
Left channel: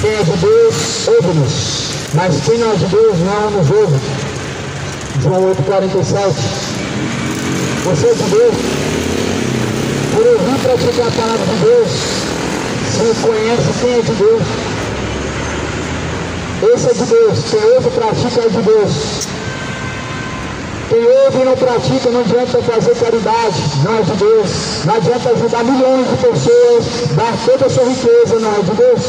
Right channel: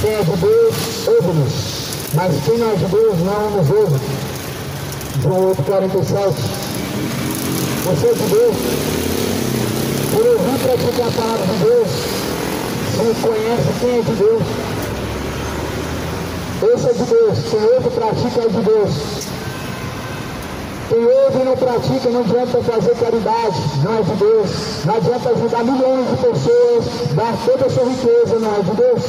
Quem é de Deus, ouve-nos. Mas quem não é de Deus, não nos ouve. João 8,47. Você é de Deus. Por ouvir praticar a palavra de Deus, se conhece quem é de Deus. Esse é de Deus. Quem ouve e pratica é de Deus. Quem ouve e não pratica, não adianta fazer caridade, não é de Deus. Não adianta ajudar milhões de pessoas, dar toda a sua riqueza, não é de Deus.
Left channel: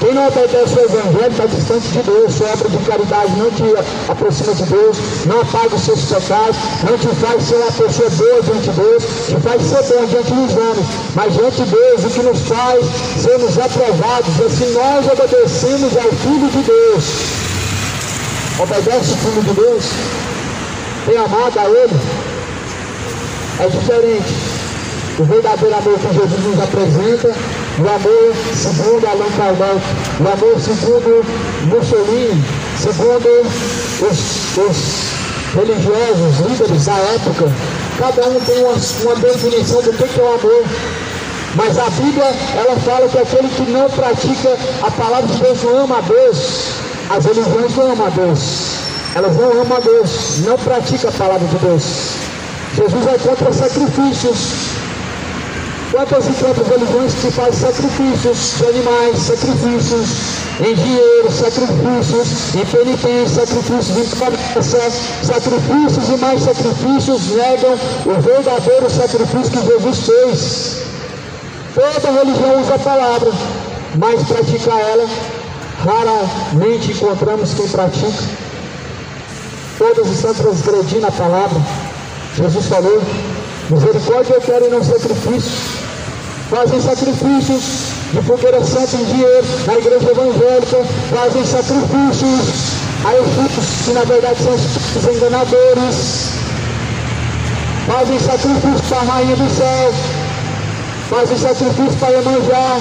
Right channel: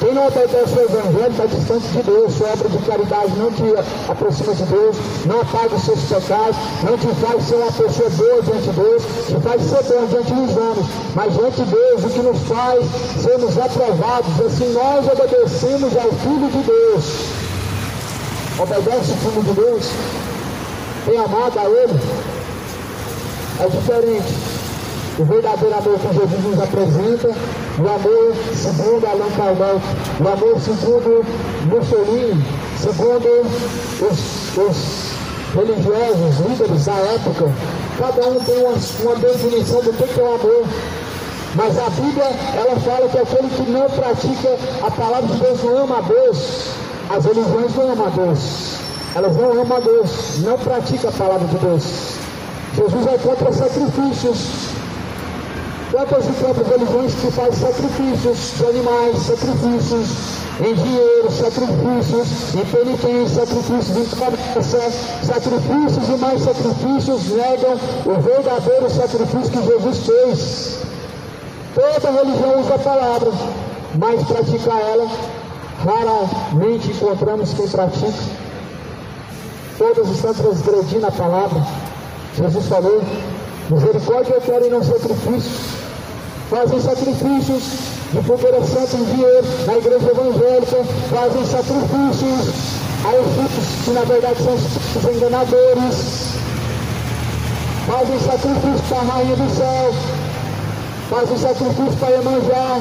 Quem Quem não obedece ao Evangelho está distante de Deus. Sua obra de caridade não te aproxima de Deus, não apaga os seus pecados, não te faz ser uma pessoa boa diante de Deus, te faz ser bom diante dos homens, mas diante de Deus o que nos faz sermos aprovados é se nós obedecemos ao Filho de Deus. Obedece o Filho de Deus, tem amado a Ele, é diferente. O verdadeiro amor que Jesus nos apresenta, o amor segundo Allan Kardec, o amor segundo Mussolini, segundo os religiosos, líderes da época. Cada um tem uma definição do que é o amor. Mas a Bíblia, ela fala que aquele que não pratica a palavra de Deus não ama a Deus. As religiões não amam a Deus. Elas não amam a Deus, não praticam a palavra de Deus. Jesus é contra sacrifícios. Quantas e quantas religiões que fazem sacrifícios de animais, sacrifícios em dinheiro, sacrifícios em penitência, sacrifícios em promessa, sacrifícios e mais sacrifícios negam o verdadeiro sacrifício que Jesus fez. Toda religião usa a palavra, mas praticar ela, raramente encontramos quem pratica. Todas estão transgredindo a palavra. Jesus falou: misericórdia eu quero e não sacrifício. Fazem sacrifícios de fogueira santa em dinheiro na igreja evangélica, fazem sacrifícios a espíritos que na verdade são espíritos enganadores, fazem sacrifícios para a rainha do céu, fazem sacrifícios para Iemanjá.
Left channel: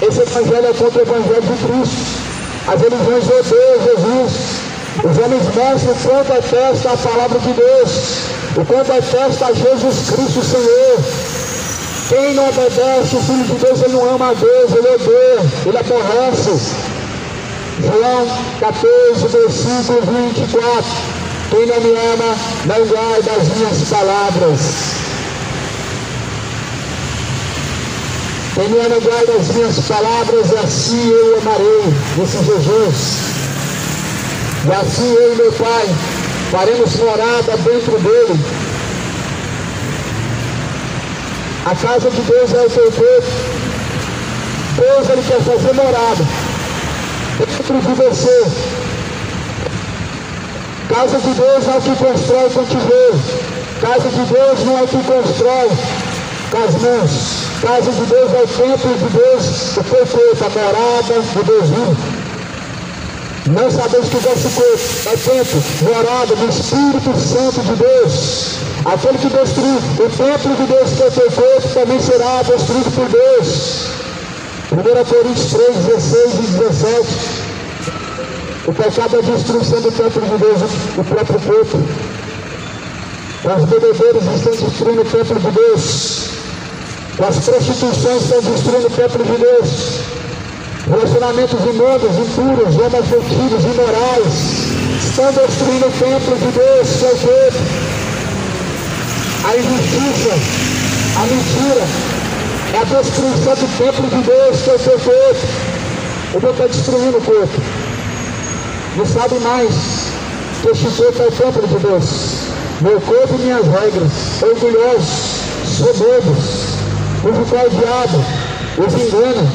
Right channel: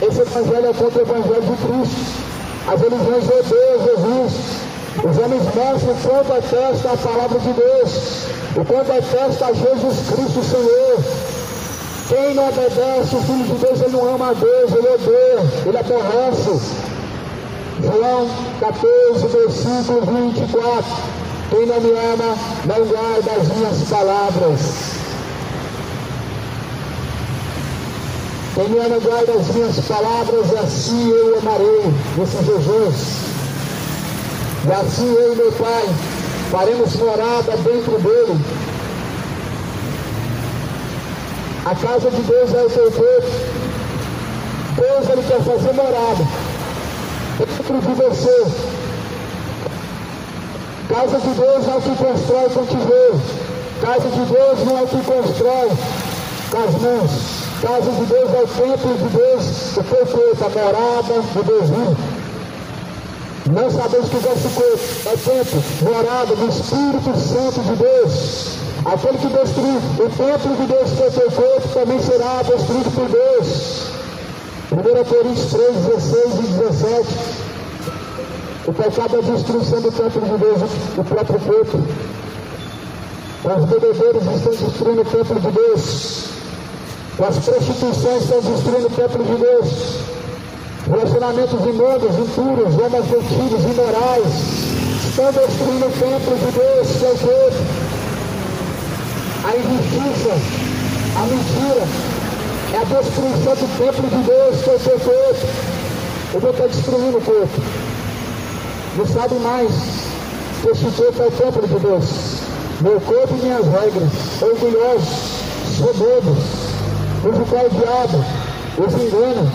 Esse evangelho é contra o evangelho de Cristo. As religiões odeiam Jesus. Os homens mostram o quanto atesta a palavra de Deus, o quanto atesta a Jesus Cristo Senhor. Quem não obedece o Filho de Deus, ele não ama a Deus, ele odeia, ele aborrece. João 14, versículo 24. Quem não me ama, não guarda as minhas palavras. Quem me ama, guarda as minhas palavras, e assim eu amarei. Disse Jesus. E assim eu e meu Pai faremos morada dentro dele. A casa de Deus é o teu corpo. Deus, ele quer fazer morada dentro de você. Casa de Deus não é o que constrói com tijolo. Casa de Deus não é o que constrói com as mãos. Casa de Deus é o templo de Deus, o perfeito, a morada de Deus vivo. Não sabemos que o vosso corpo é templo, morada do Espírito Santo de Deus. Aquele que destruiu o templo de Deus, que é o teu corpo, também será destruído por Deus. 1 Coríntios 3, 16 e 17. O pecado é a destruição do templo de Deus, o próprio corpo. Os bebedeiros estão destruindo o templo de Deus. As prostituições estão destruindo o templo de Deus. Relacionamentos imundos, impuros, homoafetivos, imorais estão destruindo o templo de Deus, seu corpo. A injustiça, a mentira, é a destruição do templo de Deus, que é o seu corpo. O Deus está destruindo o corpo. Não sabe mais que este corpo é o templo de Deus. Meu corpo e minhas regras, orgulhosos, soberbos, cujo qual o diabo os engana,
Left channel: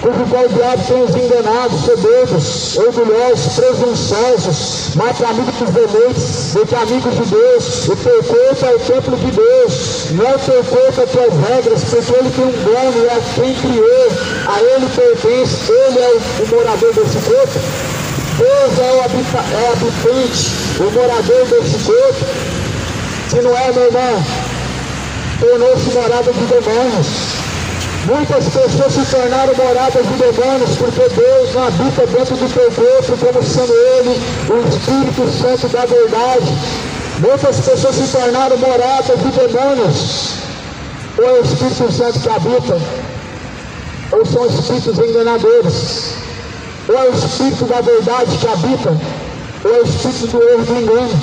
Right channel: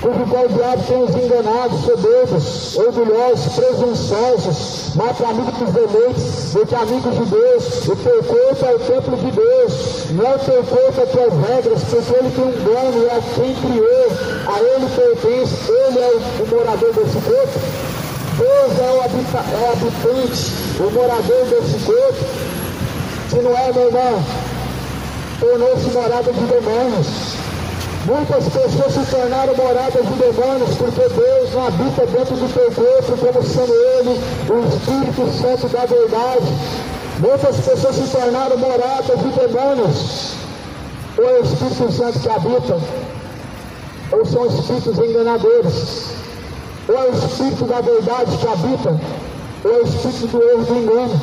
cujo qual o diabo tem os enganados, soberbos, orgulhosos, presunçosos, mais amigos dos deleites do que amigos de Deus. O teu corpo é o templo de Deus, não é o teu corpo, é as tuas regras, porque ele tem um dono, é quem criou, a ele pertence, ele é o morador desse corpo. Deus é o habitante, o morador desse corpo. Se não é, meu irmão, tornou-se morada de demônios. Muitas pessoas se tornaram moradas de demônios porque Deus não habita dentro do teu corpo, como sendo Ele o Espírito Santo da verdade. Muitas pessoas se tornaram moradas de demônios. Ou é o Espírito Santo que habita, ou são espíritos enganadores. Ou é o Espírito da verdade que habita, ou é o Espírito do erro, do engano.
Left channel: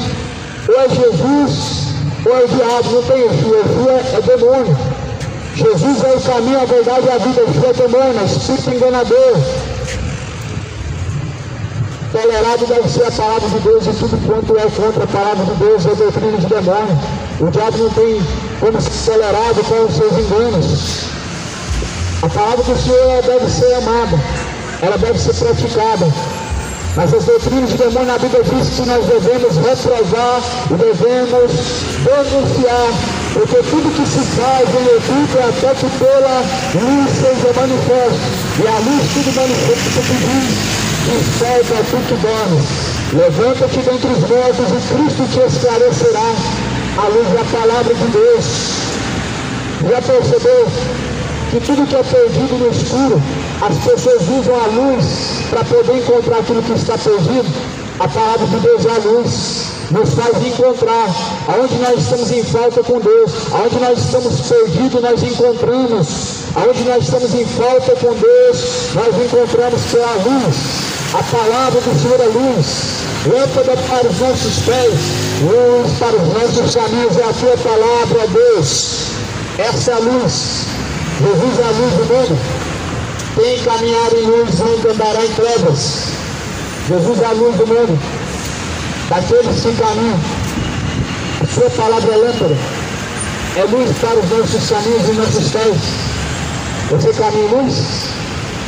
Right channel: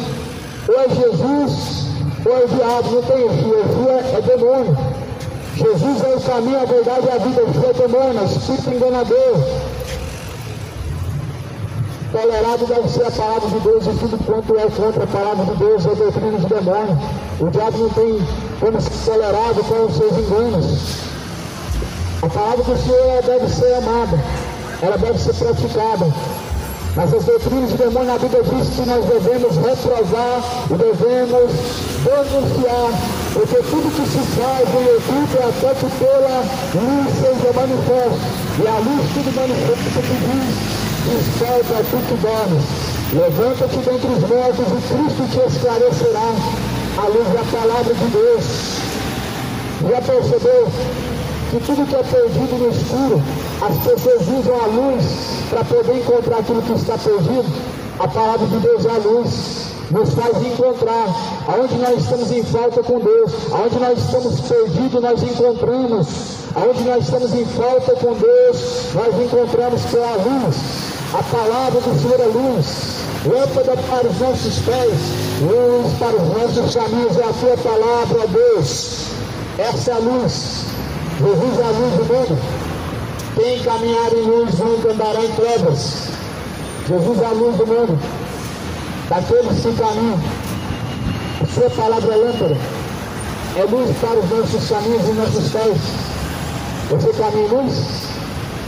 Ou é Jesus, ou é o diabo. Não tem Yeshua, é demônio. Jesus é o caminho, a verdade e a vida. Yeshua é demônio, é espírito enganador. Tolerado deve ser a palavra de Deus, e tudo quanto é contra a palavra de Deus é doutrina de demônio. O diabo não tem como ser tolerado com os seus enganos. A palavra do Senhor deve ser amada. ela deve ser praticada. Mas as doutrinas de demônio na Bíblia diz que nós devemos reprovar e devemos denunciar, porque tudo que se faz em oculto é até que pela luz seja manifesto. E a luz tudo manifesta que diz: desperta tu que dormes, levanta-te dentre os mortos e Cristo te esclarecerá a luz da palavra de Deus. Já percebeu que tudo que é perdido no escuro, as pessoas usam a luz para poder encontrar aquilo que está perdido? A palavra de Deus é a luz, nos faz encontrar. Aonde nós estamos em falta com Deus, aonde nós estamos perdidos, nós encontramos. Aonde nós estamos em falta com Deus, nós encontramos pela luz. A palavra do Senhor é luz, lâmpada para os nossos pés, luz para os nossos caminhos, é a tua palavra, ó Deus. Essa é a luz. Jesus é a luz do mundo. Quem caminhar em luz não andará em trevas. Jesus é a luz do mundo, daqueles que caminham. A sua palavra é lâmpada, é luz para os nossos caminhos e nossos pés. Você caminha em luz?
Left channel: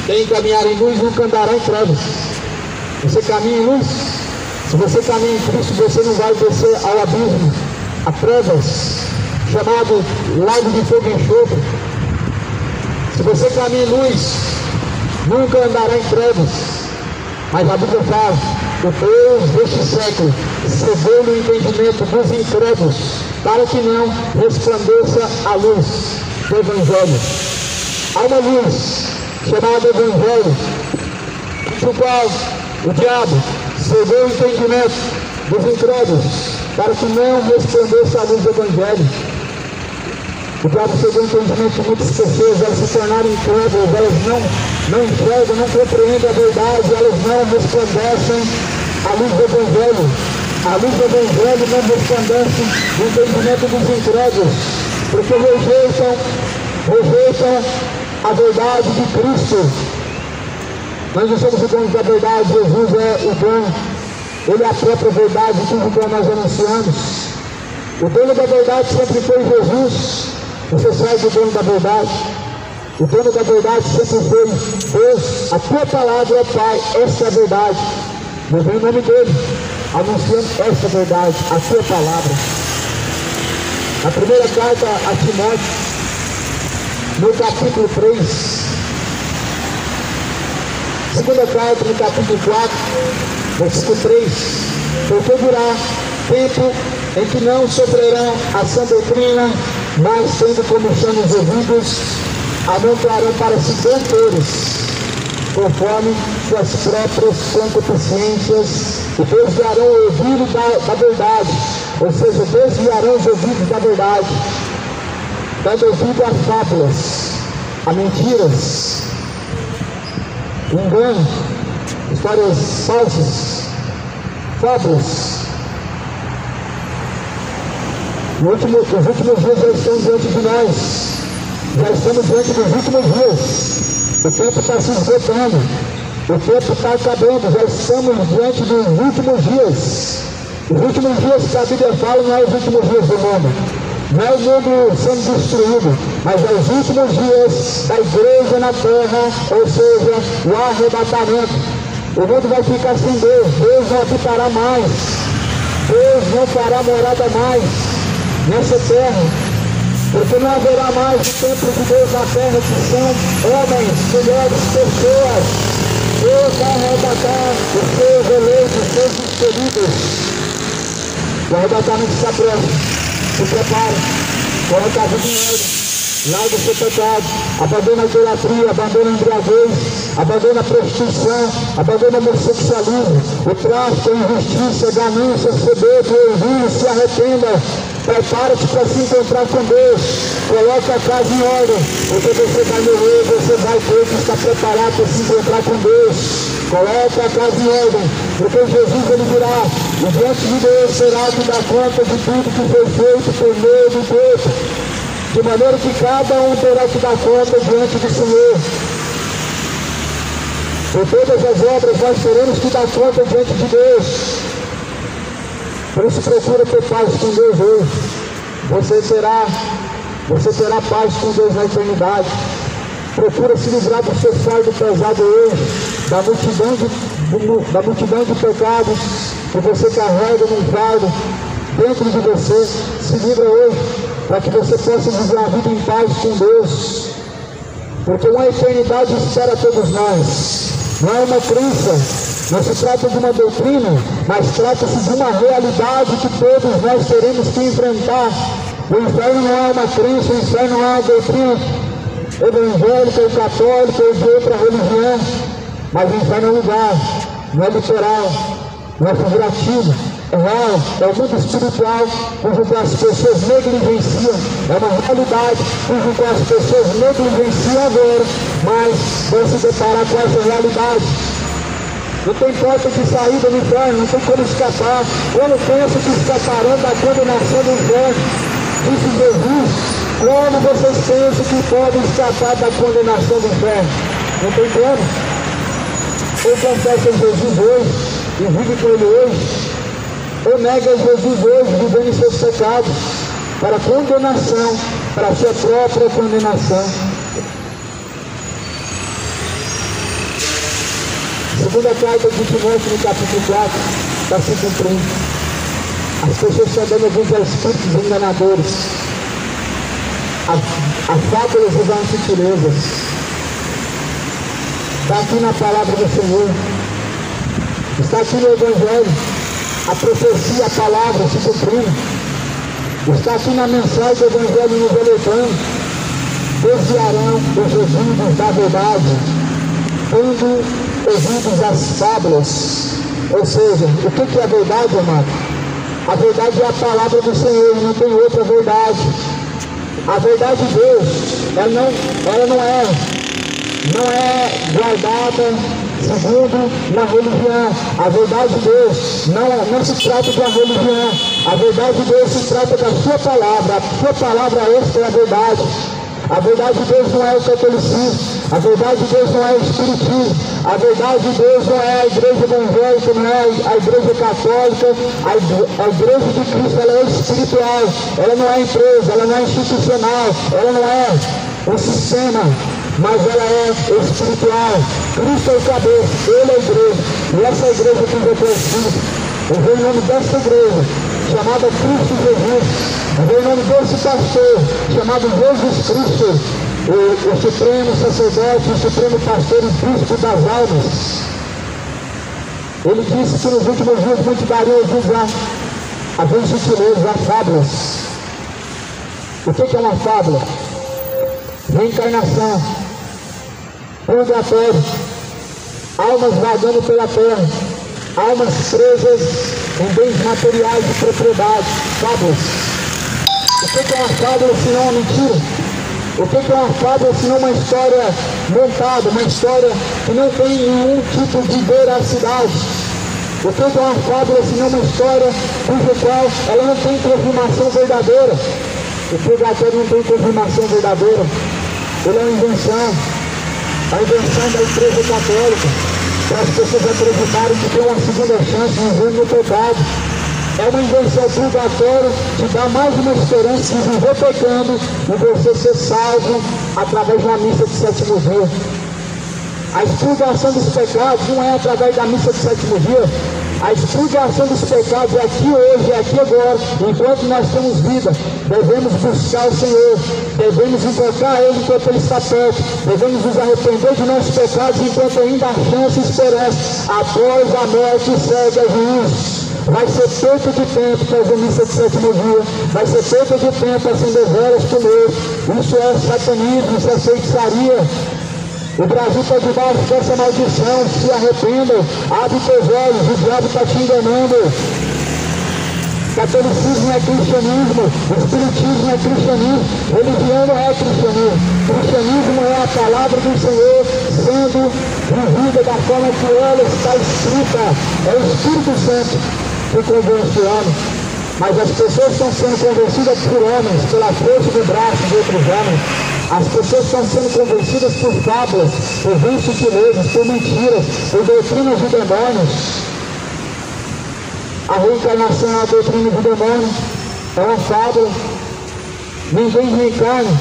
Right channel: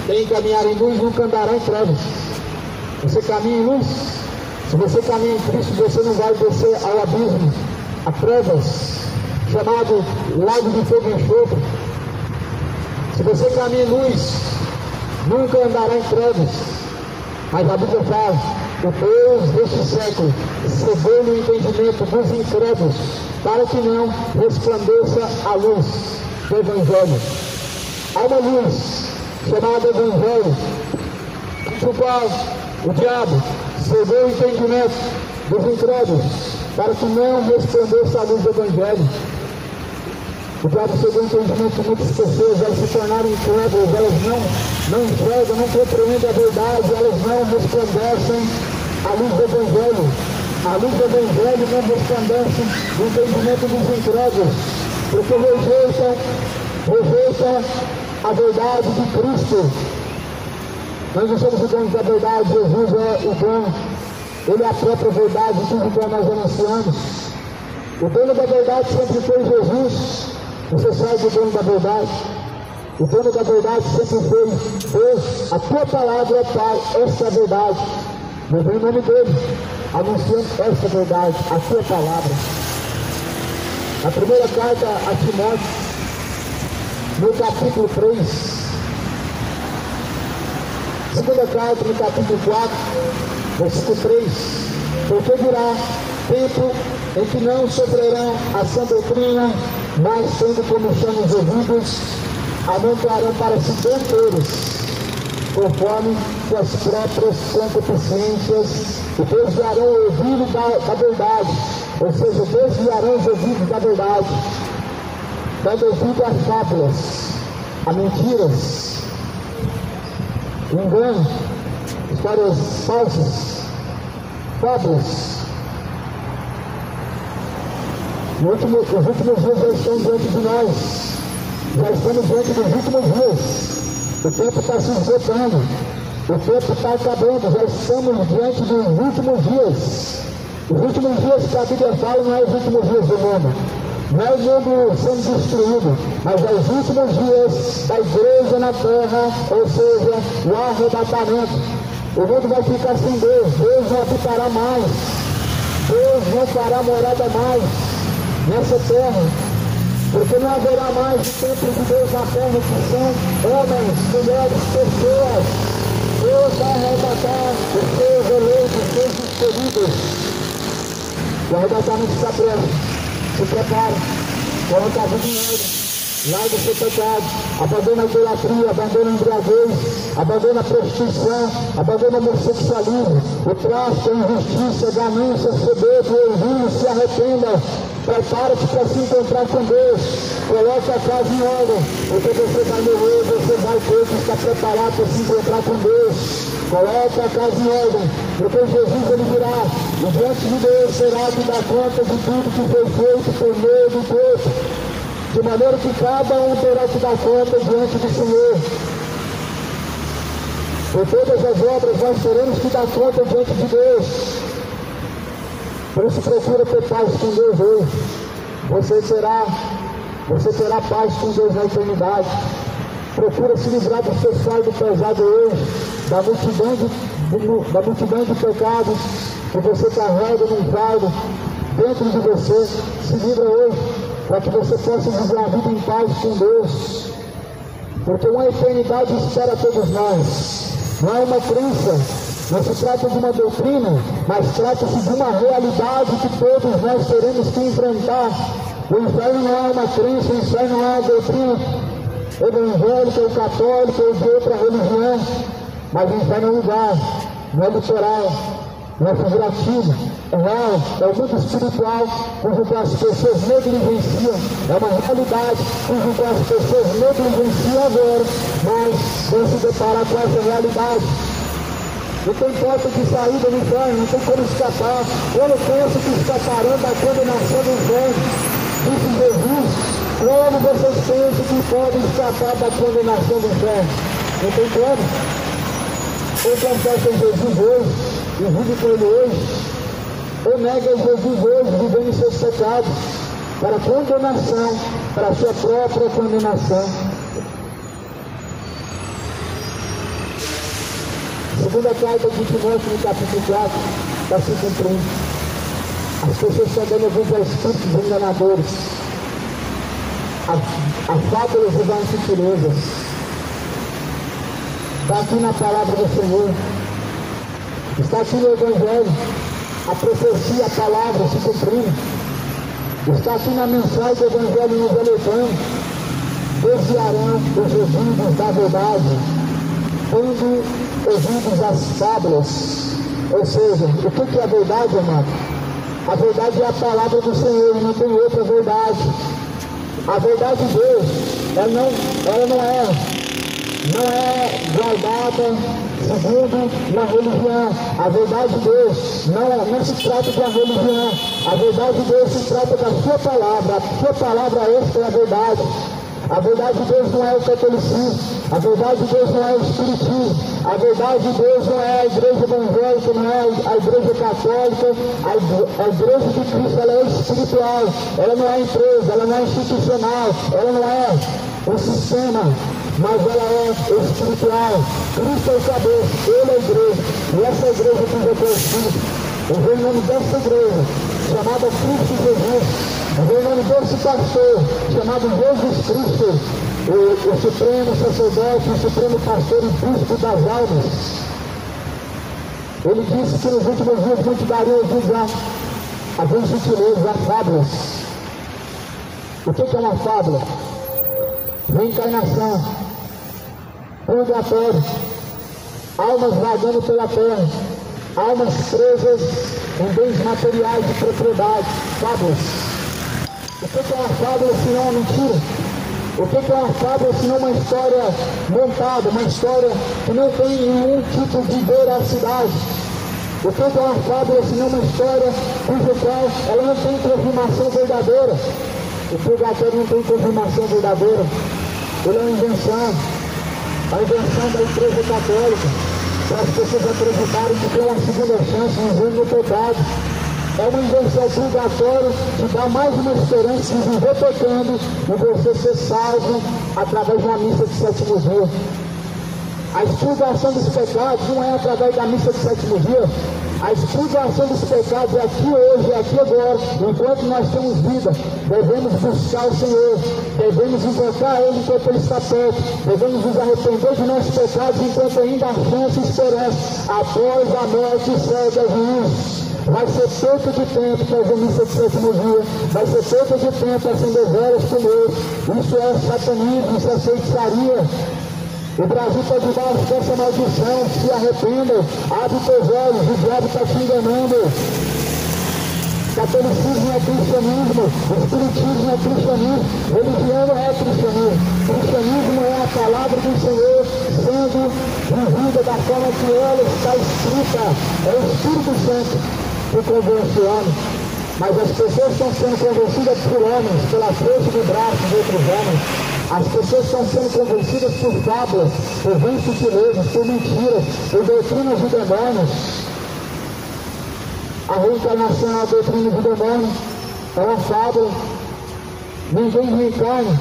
Quem caminhar em luz nunca andará em trevas. Você caminha em luz? Se você caminha em Cristo, você não vai descer ao abismo, a trevas, chamado lago de fogo e enxofre. Se você caminha em luz, nunca andará em trevas. Mas a Bíblia fala: o Deus deste século cegou no entendimento dos incrédulos, para que não resplandeça a luz do Evangelho. Há uma luz chamada Evangelho, no qual o diabo cegou o entendimento dos incrédulos, para que não resplandeça a luz do Evangelho. O diabo cegou o entendimento de muitas pessoas, elas se tornaram incrédulas, elas não enxergam, não compreendem a verdade, elas não resplandecem a luz do Evangelho. A luz do Evangelho não resplandece o entendimento dos incrédulos, porque rejeitam a verdade de Cristo. Nós não somos o dono da verdade, Jesus é o dono, Ele é a própria verdade, tudo que nós anunciamos. O dono da verdade sempre foi Jesus. Você sai do dono da verdade. O dono da verdade sempre foi Deus. A tua palavra, ó Pai, essa é a verdade. Eu venho em nome dele, anunciando essa verdade, a tua palavra. A primeira carta a Timóteo, no capítulo 3. Segunda carta, no capítulo 4, versículo 3. Porque virá tempo em que não sofrerão a sã doutrina, mas tendo como chão os ouvidos, amontoarão para si doutores, conforme suas próprias concupiscências, e desviarão o ouvido da verdade, ou seja, desviarão os ouvidos da verdade, dando ouvido a fábulas, a mentiras, engano, histórias falsas, fábulas. Os últimos dias já estão diante de nós. Já estamos diante dos últimos dias. O tempo está se esgotando. O tempo está acabando. Já estamos diante dos últimos dias. Os últimos dias que a Bíblia fala não é os últimos dias do mundo. Não é o mundo sendo destruído, mas é os últimos dias da igreja na terra, ou seja, o arrebatamento. O mundo vai ficar sem Deus. Deus não habitará mais. Deus não fará morada mais nessa terra, porque não haverá mais o templo de Deus na terra, que são homens, mulheres, pessoas. Deus vai arrebatar os seus eleitos, os seus escolhidos. O arrebatamento está próximo. Se prepare, coloca a vida em ordem, larga o seu pecado, abandona a idolatria, abandona a embriaguez, abandona a prostituição, abandona o homossexualismo, o tráfico, a injustiça, a ganância, o soberbo, o orgulho. Se arrependa. Prepara-te para se encontrar com Deus. Coloca a casa em ordem, porque você vai morrer, você vai ter que estar preparado para se encontrar com Deus. Coloca a casa em ordem, porque Jesus ele virá, e diante de Deus será que dá conta de tudo que foi feito por meio do tempo, de maneira que cada um terá que dar conta diante do Senhor. Por todas as obras nós teremos que dar conta diante de Deus. Por isso procura ter paz com Deus hoje. Você terá paz com Deus na eternidade. procura se livrar do seu fardo pesado hoje, da multidão de pecados que você carrega no fardo dentro de você. Se livra hoje, para que você possa viver a vida em paz com Deus, porque uma eternidade espera todos nós. Não é uma crença, não se trata de uma doutrina, mas trata-se de uma realidade que todos nós teremos que enfrentar. O inferno não é uma crença, o inferno não é uma doutrina evangélica ou católica ou de outra religião, mas o inferno é um lugar, não é literal, não é figurativo, é real, é o mundo espiritual, cujo qual as pessoas negligenciam, é uma realidade cujo qual as pessoas negligenciam agora, mas vão se deparar com essa realidade. Não tem porta de saída no inferno, não tem como escapar. Eu não penso que escaparão da condenação do inferno, disse Jesus. Como vocês pensam que podem escapar da condenação do inferno? Não tem como. Eu confesso a Jesus hoje e vive com Ele hoje. Eu nego a Jesus hoje, vivendo em seus pecados, para condenação, para a sua própria condenação. Segunda carta de Timóteo, no capítulo 4, está se cumprindo. As pessoas estão dando ouvidos a espíritos enganadores, a fábulas e as sutilezas. Está aqui na palavra do Senhor, está aqui no Evangelho, a profecia, a palavra se cumprindo. Está aqui na mensagem do Evangelho nos Eletão. Desviarão os ouvidos da verdade, dando ouvidos às fábulas. Ou seja, o que é a verdade, amado? A verdade é a palavra do Senhor, não tem outra verdade. A verdade de Deus, ela não é guardada segundo uma religião. A verdade de Deus não se trata de uma religião. A verdade de Deus se trata da sua palavra. A sua palavra, esta é a verdade. A verdade de Deus não é o catolicismo, a verdade de Deus não é o espiritismo, a verdade de Deus não é a igreja evangélica, não é a igreja católica, a igreja de Cristo, ela é espiritual, ela não é empresa, ela não é institucional, ela não é um sistema, mas ela é espiritual. Cristo é o cabeça, Ele é a igreja, e essa igreja que depois Cristo, eu vejo o nome dessa igreja, chamada Cristo Jesus. Em nome desse pastor, chamado Jesus Cristo, o supremo sacerdote, o supremo pastor e príncipe das almas. Ele disse que nos últimos dias muitos dariam ouvidos a vez sutilezas, a fábulas. O que é uma fábula? Reencarnação, purgatório, almas vagando pela terra, almas presas em bens materiais de propriedade, fábulas. O que é uma fábula se não uma mentira? O que é uma fábula se não uma história montada, uma história que não tem nenhum tipo de veracidade? O que é uma fábula se não uma história cuja qual ela não tem confirmação verdadeira? O purgatório não tem confirmação verdadeira. Ele é uma invenção, a invenção da igreja católica, para as pessoas acreditarem que tem uma segunda chance de viver no pecado. É uma invenção purgatória que dá mais uma esperança de viver pecando e você ser salvo através de uma missa de sétimo dia. A expurgação dos pecados não é através da missa de sétimo dia. A expurgação dos pecados é aqui hoje, é aqui agora. Enquanto nós temos vida, devemos buscar o Senhor, devemos invocar Ele enquanto Ele está perto, devemos nos arrepender de nossos pecados enquanto ainda há chance e esperança. Após a morte segue a juízo. Vai ser perda de tempo fazer missa de sétimo dia, vai ser perda de tempo acender velas com Deus. Isso é satanismo, isso é feitiçaria. O Brasil está debaixo dessa maldição. Se arrependam, abre teus olhos, o diabo está te enganando. Catolicismo é cristianismo, espiritismo é cristianismo, religião não é cristianismo. Cristianismo é a palavra do Senhor sendo vivida da forma que ela está escrita. É o Espírito Santo que convenciona, mas as pessoas estão sendo convencidas por homens, pela força do braço de outros homens. As pessoas estão sendo convencidas por fábulas, por vãs sutilezas, por mentiras, por doutrinas de demônios. A reencarnação é uma doutrina de demônio, é uma fábula. Ninguém reencarna,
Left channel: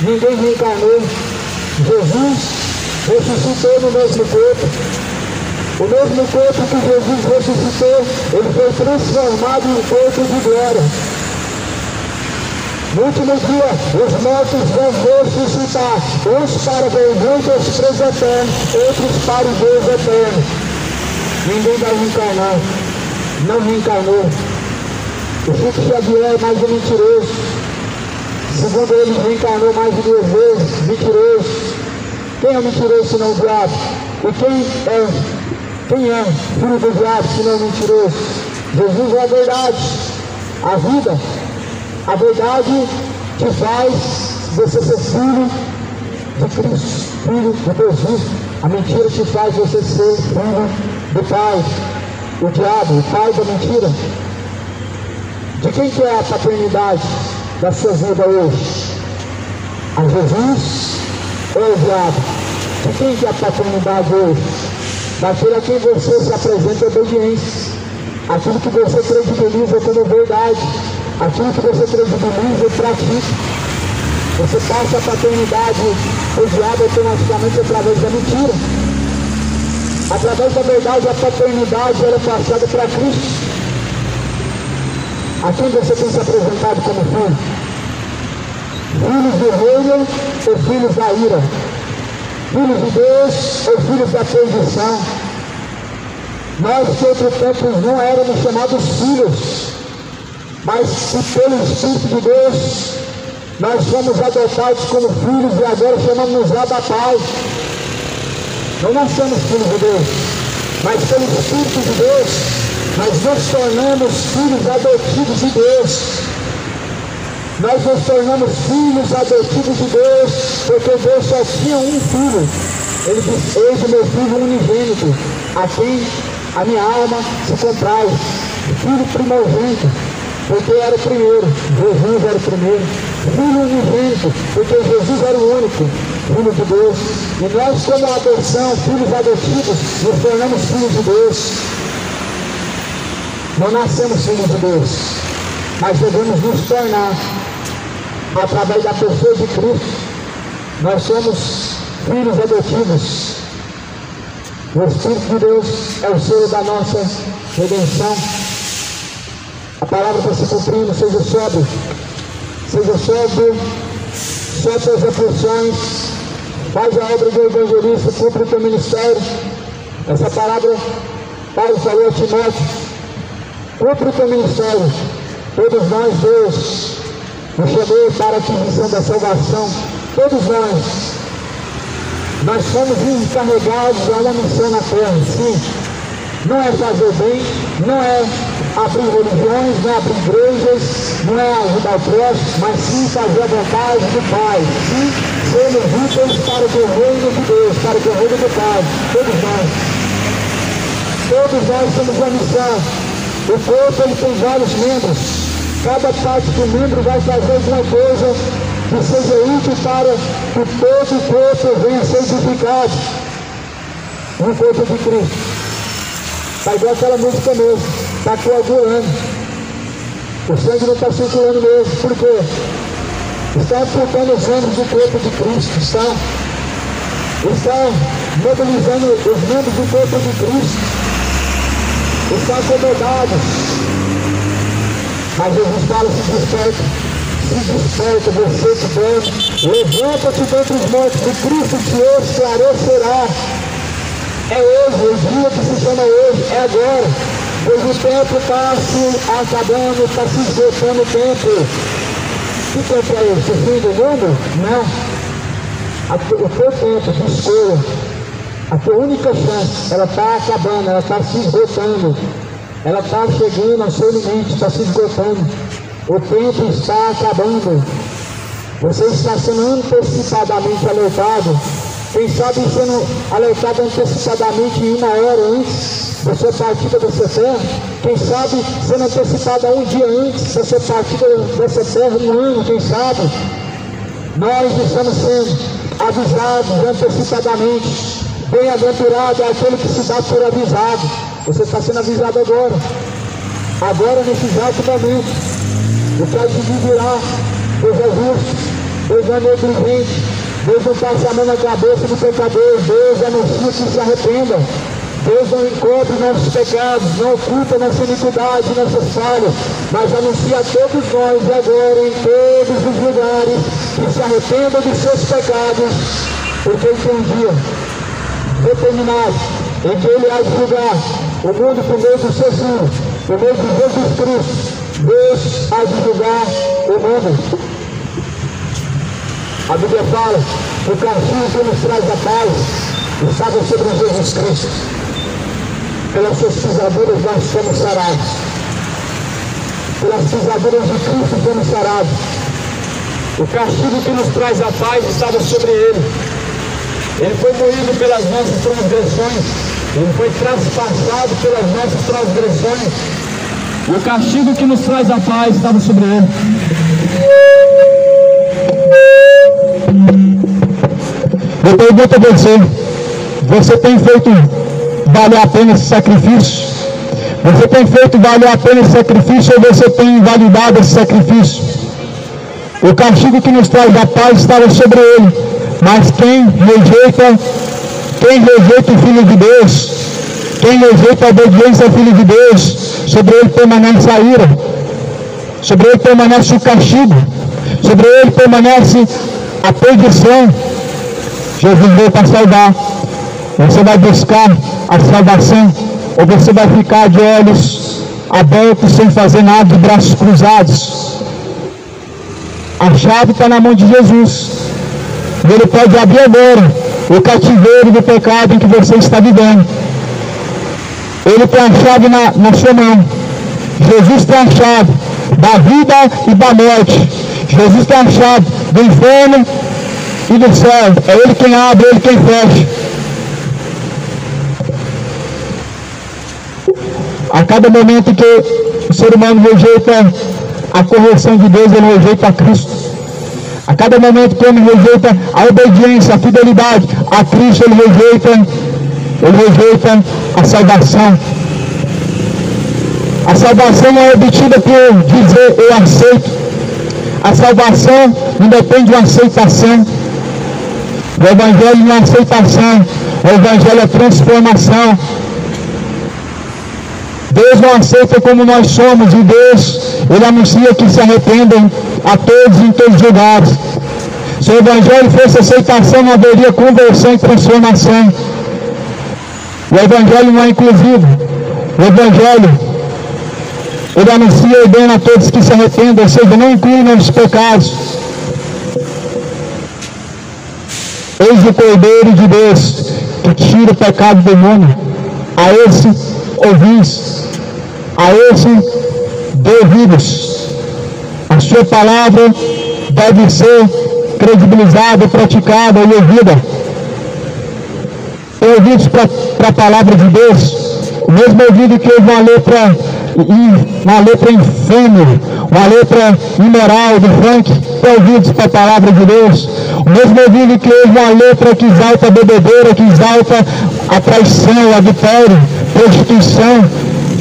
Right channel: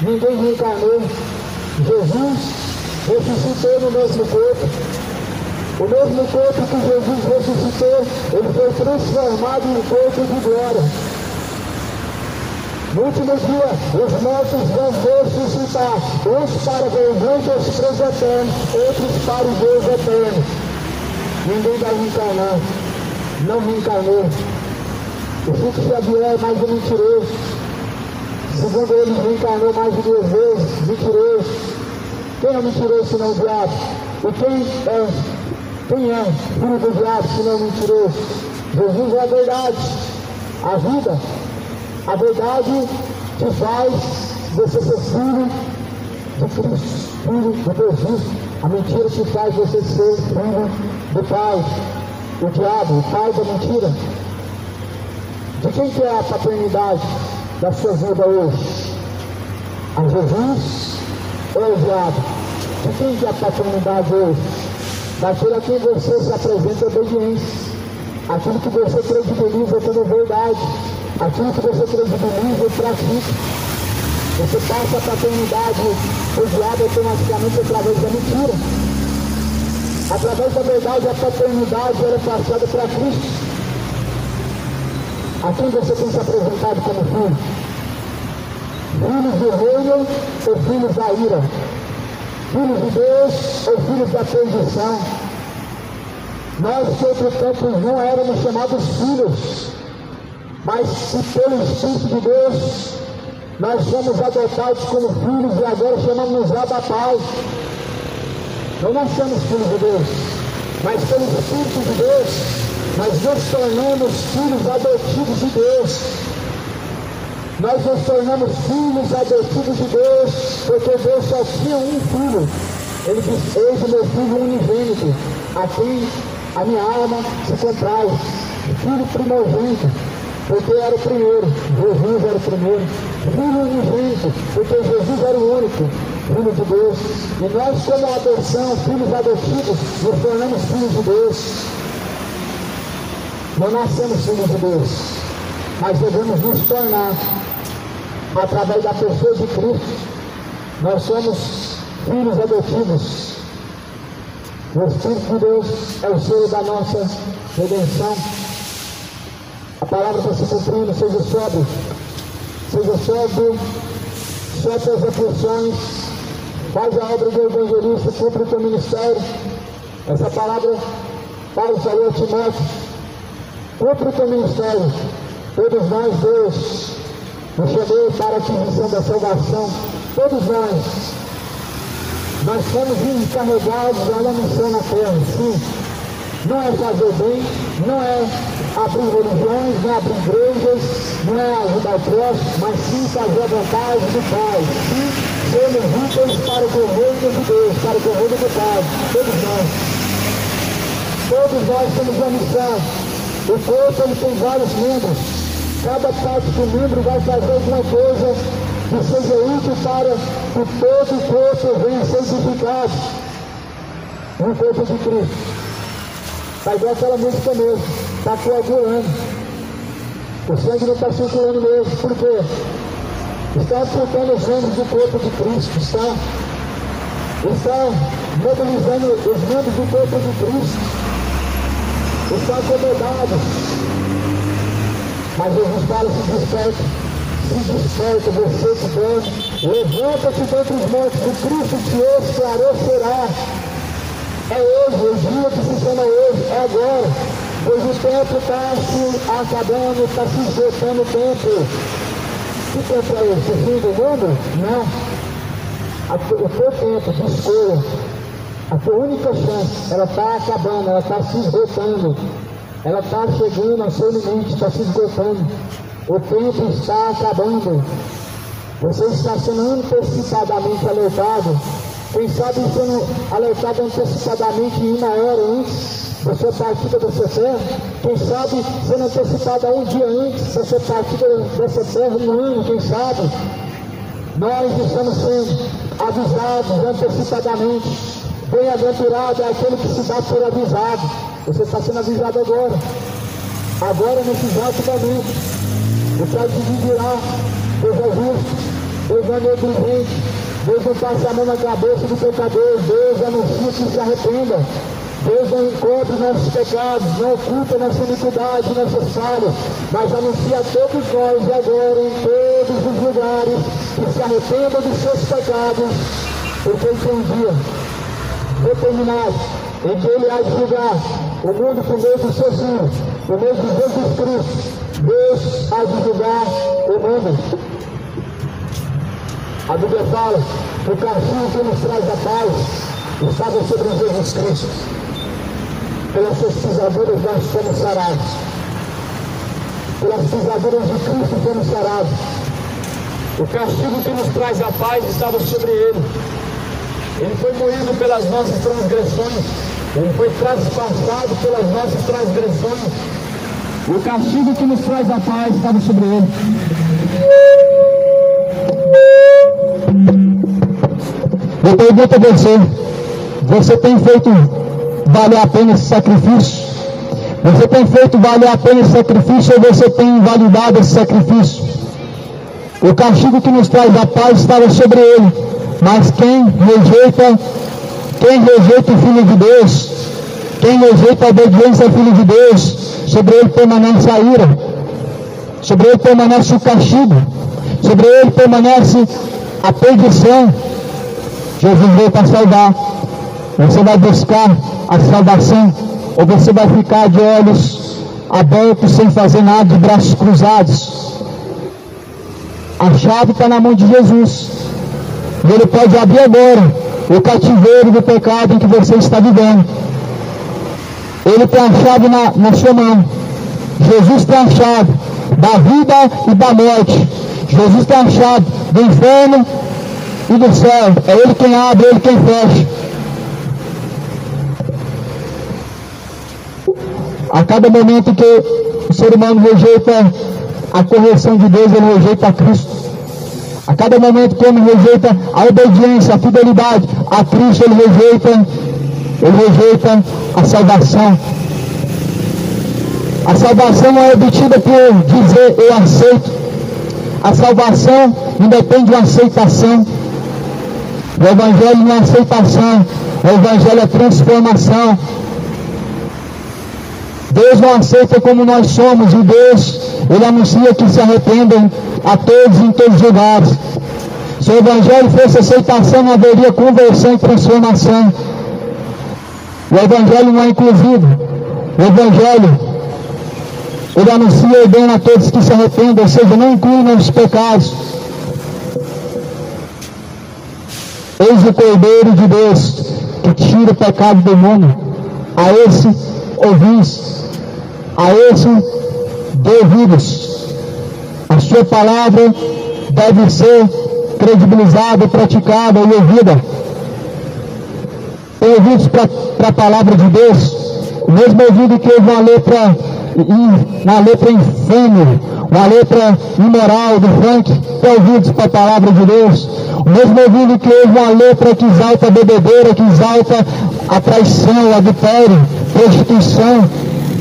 ninguém reencarnou. Jesus ressuscitou no mesmo corpo. O mesmo corpo que Jesus ressuscitou, ele foi transformado em um corpo de glória. No último dia, os mortos vão ressuscitar, uns para vergonha dos presos eternos, outros para o Deus eterno. Ninguém vai reencarnar, não reencarnou. O Chico Xavier é mais um mentiroso. Segundo ele, reencarnou mais de 2 vezes, mentiroso. Quem é mentiroso senão o diabo? E quem é filho do diabo senão mentiroso? Jesus é a verdade, a vida. A verdade te faz você ser filho de Cristo, filho de Deus vivo. A mentira te faz você ser filho do Pai. O diabo, o pai da mentira. De quem que é a paternidade da sua vida hoje? A Jesus ou ao diabo? De quem que é a paternidade hoje? Daquele a quem você se apresenta em obediência. Aquilo que você credibiliza como verdade. Aquilo que você credibiliza e pratica. Você passa a paternidade do diabo automaticamente através da mentira. Através da verdade, a paternidade ela é passada para Cristo. A quem você tem se apresentado como filho? Filhos do reino ou filhos da ira? Filhos de Deus ou filhos da perdição? Nós que outro tempo não éramos chamados filhos, mas que pelo Espírito de Deus nós fomos adotados como filhos e agora chamamos Abba Pai. Não nascemos filhos de Deus, mas pelo Espírito de Deus nós nos tornamos filhos adotivos de Deus. Nós nos tornamos filhos adotivos de Deus, porque Deus só tinha um filho. Ele disse: eis o meu filho unigênito, a quem a minha alma se compraz. Filho primogênito, porque era o primeiro, Jesus era o primeiro. Filho unigênito, porque Jesus era o único filho de Deus. E nós, como adoção, filhos adotivos, nos tornamos filhos de Deus. Não nascemos filhos de Deus, mas devemos nos tornar através da pessoa de Cristo. Nós somos filhos adotivos. O Espírito de Deus é o selo da nossa redenção. A palavra está se cumprindo. Seja sóbrio, solte as aflições, faz a obra do evangelista, cumpre o teu ministério. Essa palavra Paulo falou a Timóteo: cumpre o teu ministério. Todos nós, Deus nos chamou para a aquisição da salvação. Todos nós fomos encarregados a uma missão na terra. Sim, não é fazer bem, não é abrir religiões, não é abrir igrejas, não é ajudar o próximo, mas sim fazer a vontade do Pai. Sim, sermos úteis para o reino de Deus, para o reino do Pai. Todos nós temos uma missão. O corpo ele tem vários membros. Cada parte do membro vai fazer alguma coisa que seja útil para que todo o corpo venha a ser edificado no corpo de Cristo. Está igual aquela música mesmo, está coagulando. O sangue não está circulando mesmo. Por quê? Está amputando os membros do corpo de Cristo. Está mobilizando os membros do corpo de Cristo. Está acomodado. Mas Jesus fala: se desperta, você que dorme, levanta-te dentre os mortos, que Cristo te esclarecerá. É hoje, o dia que se chama hoje, é agora, pois o tempo está se acabando, está se esgotando o tempo. Que tempo é esse? O fim do mundo? Não. O teu tempo de escolha, a tua única chance, ela está acabando, ela está se esgotando. Ela está chegando ao seu limite, está se esgotando. O tempo está acabando. Você está sendo antecipadamente alertado. Quem sabe sendo alertado antecipadamente em 1 hora antes da sua partida dessa terra. Quem sabe sendo antecipado um dia antes da sua partida dessa terra, 1 ano, quem sabe. Nós estamos sendo avisados antecipadamente. Bem-aventurado é aquele que se dá por avisado. Você está sendo avisado agora. Agora, nesse exato momento. O céu se dividirá. Deus é justo, Deus é negligente, Deus não passa a mão na cabeça do pecador. Deus anuncia que se arrependa. Deus não encobre nossos pecados, não oculta nossa iniquidade, nossas falhas, mas anuncia a todos nós agora, em todos os lugares, que se arrependam dos seus pecados, porque Ele tem um dia determinado em que Ele há de julgar o mundo por meio do seu Filho, por meio de Jesus Cristo. Deus há de julgar o mundo. A Bíblia fala que o castigo que nos traz a paz estava sobre Jesus Cristo. Pelas suas pisaduras nós somos sarados. Pelas pisaduras de Cristo somos sarados. O castigo que nos traz a paz estava sobre Ele. Ele foi moído pelas nossas transgressões. Ele foi traspassado pelas nossas transgressões. E o castigo que nos traz a paz estava sobre Ele. Eu pergunto a você, você tem feito valer a pena esse sacrifício? Você tem feito valer a pena esse sacrifício ou você tem invalidado esse sacrifício? O castigo que nos traz a paz estava sobre Ele, mas quem rejeita o Filho de Deus, quem rejeita a obediência ao Filho de Deus, sobre ele permanece a ira, sobre ele permanece o castigo, sobre ele permanece a perdição. Jesus veio para salvar. Você vai buscar a salvação ou você vai ficar de olhos abertos sem fazer nada, de braços cruzados? A chave está na mão de Jesus. E Ele pode abrir agora o cativeiro do pecado em que você está vivendo. Ele tem a chave na sua mão. Jesus tem a chave da vida e da morte. Jesus tem a chave do inferno e do céu. É Ele quem abre, Ele quem fecha. A cada momento que o ser humano rejeita a correção de Deus, ele rejeita a Cristo. A cada momento que o homem rejeita a obediência, a fidelidade a Cristo, ele rejeita a salvação. A salvação não é obtida por dizer eu aceito. A salvação não depende de uma aceitação. O Evangelho não é aceitação, o Evangelho é transformação. Deus não aceita como nós somos, e Deus, Ele anuncia que se arrependam a todos em todos os lugares. Se o Evangelho fosse aceitação, não haveria conversão e transformação. O Evangelho não é inclusivo. O Evangelho, Ele anuncia e ordena a todos que se arrependam, ou seja, não inclui nossos pecados. Eis o Cordeiro de Deus, que tira o pecado do mundo. A esse ouvis, a esse dê ouvidos. A sua palavra deve ser credibilizada, praticada e ouvida. Tem ouvidos para a palavra de Deus? O mesmo ouvido que uma letra infame, uma letra imoral do funk, tem ouvidos para a palavra de Deus. O mesmo ouvido que ouve uma letra que exalta a bebedeira, que exalta a traição, a adultério, prostituição,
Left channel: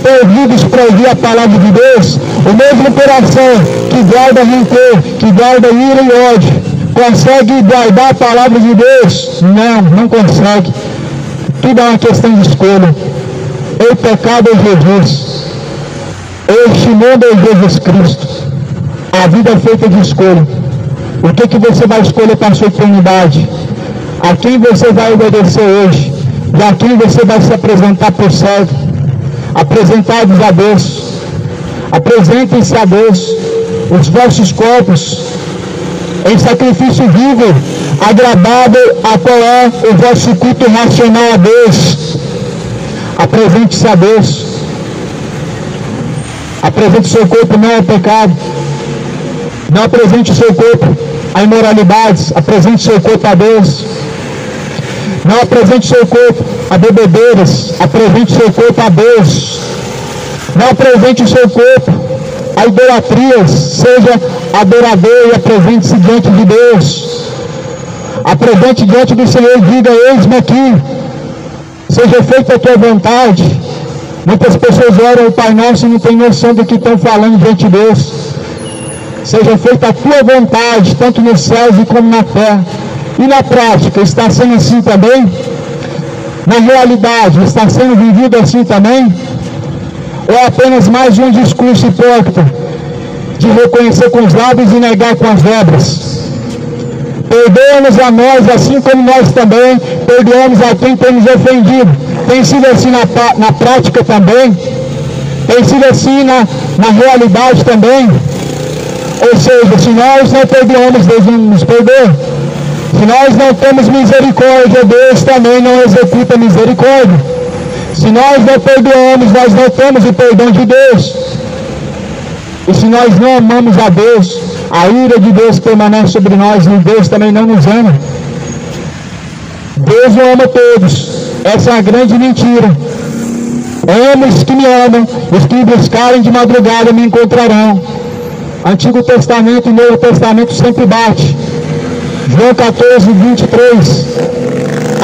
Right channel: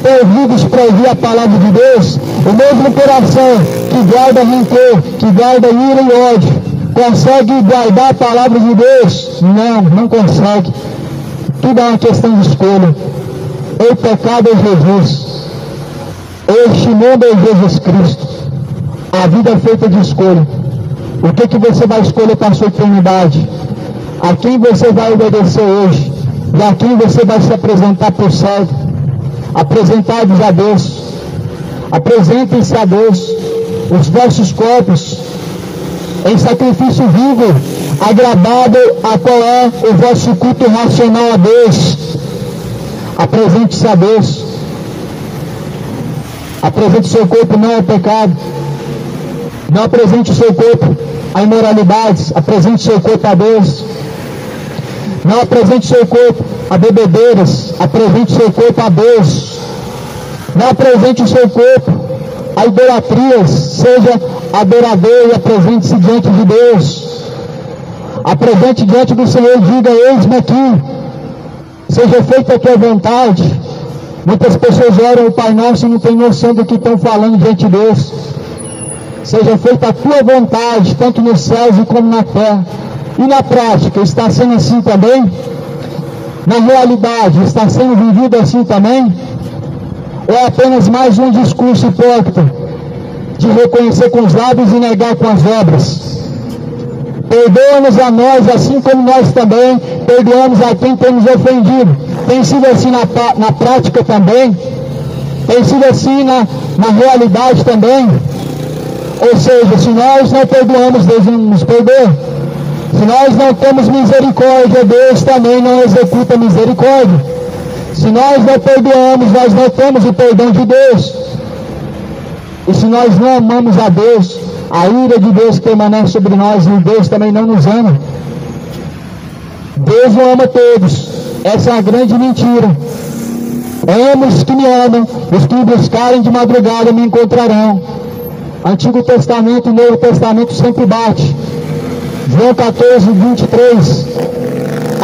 tem ouvidos para ouvir a palavra de Deus. O mesmo coração que guarda rancor, que guarda ira e ódio, consegue guardar a palavra de Deus? Não consegue. Tudo é uma questão de escolha. O pecado é Jesus. Este mundo é Jesus Cristo. A vida é feita de escolha. O que você vai escolher para a sua eternidade? A quem você vai obedecer hoje? E a quem você vai se apresentar por servo? Apresentai-vos a Deus. Apresentem-se a Deus os vossos corpos em sacrifício vivo, agradável, a qual é o vosso culto racional a Deus. Apresente-se a Deus. Apresente o seu corpo não ao pecado. Não apresente o seu corpo a imoralidades. Apresente o seu corpo a Deus. Não apresente o seu corpo a bebedeiras. Apresente o seu corpo a Deus. Não apresente o seu corpo a idolatrias. Seja adorador e apresente-se diante de Deus. Apresente diante do Senhor e diga: eis-me aqui. Seja feita a tua vontade. Muitas pessoas oram o Pai Nosso e não têm noção do que estão falando diante de Deus. Seja feita a tua vontade, tanto nos céus como na terra. E na prática, está sendo assim também? Na realidade, está sendo vivido assim também? Ou é apenas mais um discurso hipócrita de reconhecer com os lábios e negar com as obras? Perdoa-nos a nós, assim como nós também perdoamos a quem temos ofendido. Tem sido assim na prática também? Tem sido assim na realidade também? Ou seja, se nós não perdoamos, Deus não nos perdoa. Se nós não temos misericórdia, Deus também não executa misericórdia. Se nós não perdoamos, nós não temos o perdão de Deus. E se nós não amamos a Deus, a ira de Deus permanece sobre nós e Deus também não nos ama. Deus não ama todos. Essa é a grande mentira. Amo os que me amam, os que me buscarem de madrugada me encontrarão. Antigo Testamento e Novo Testamento sempre bate. João 14, 23.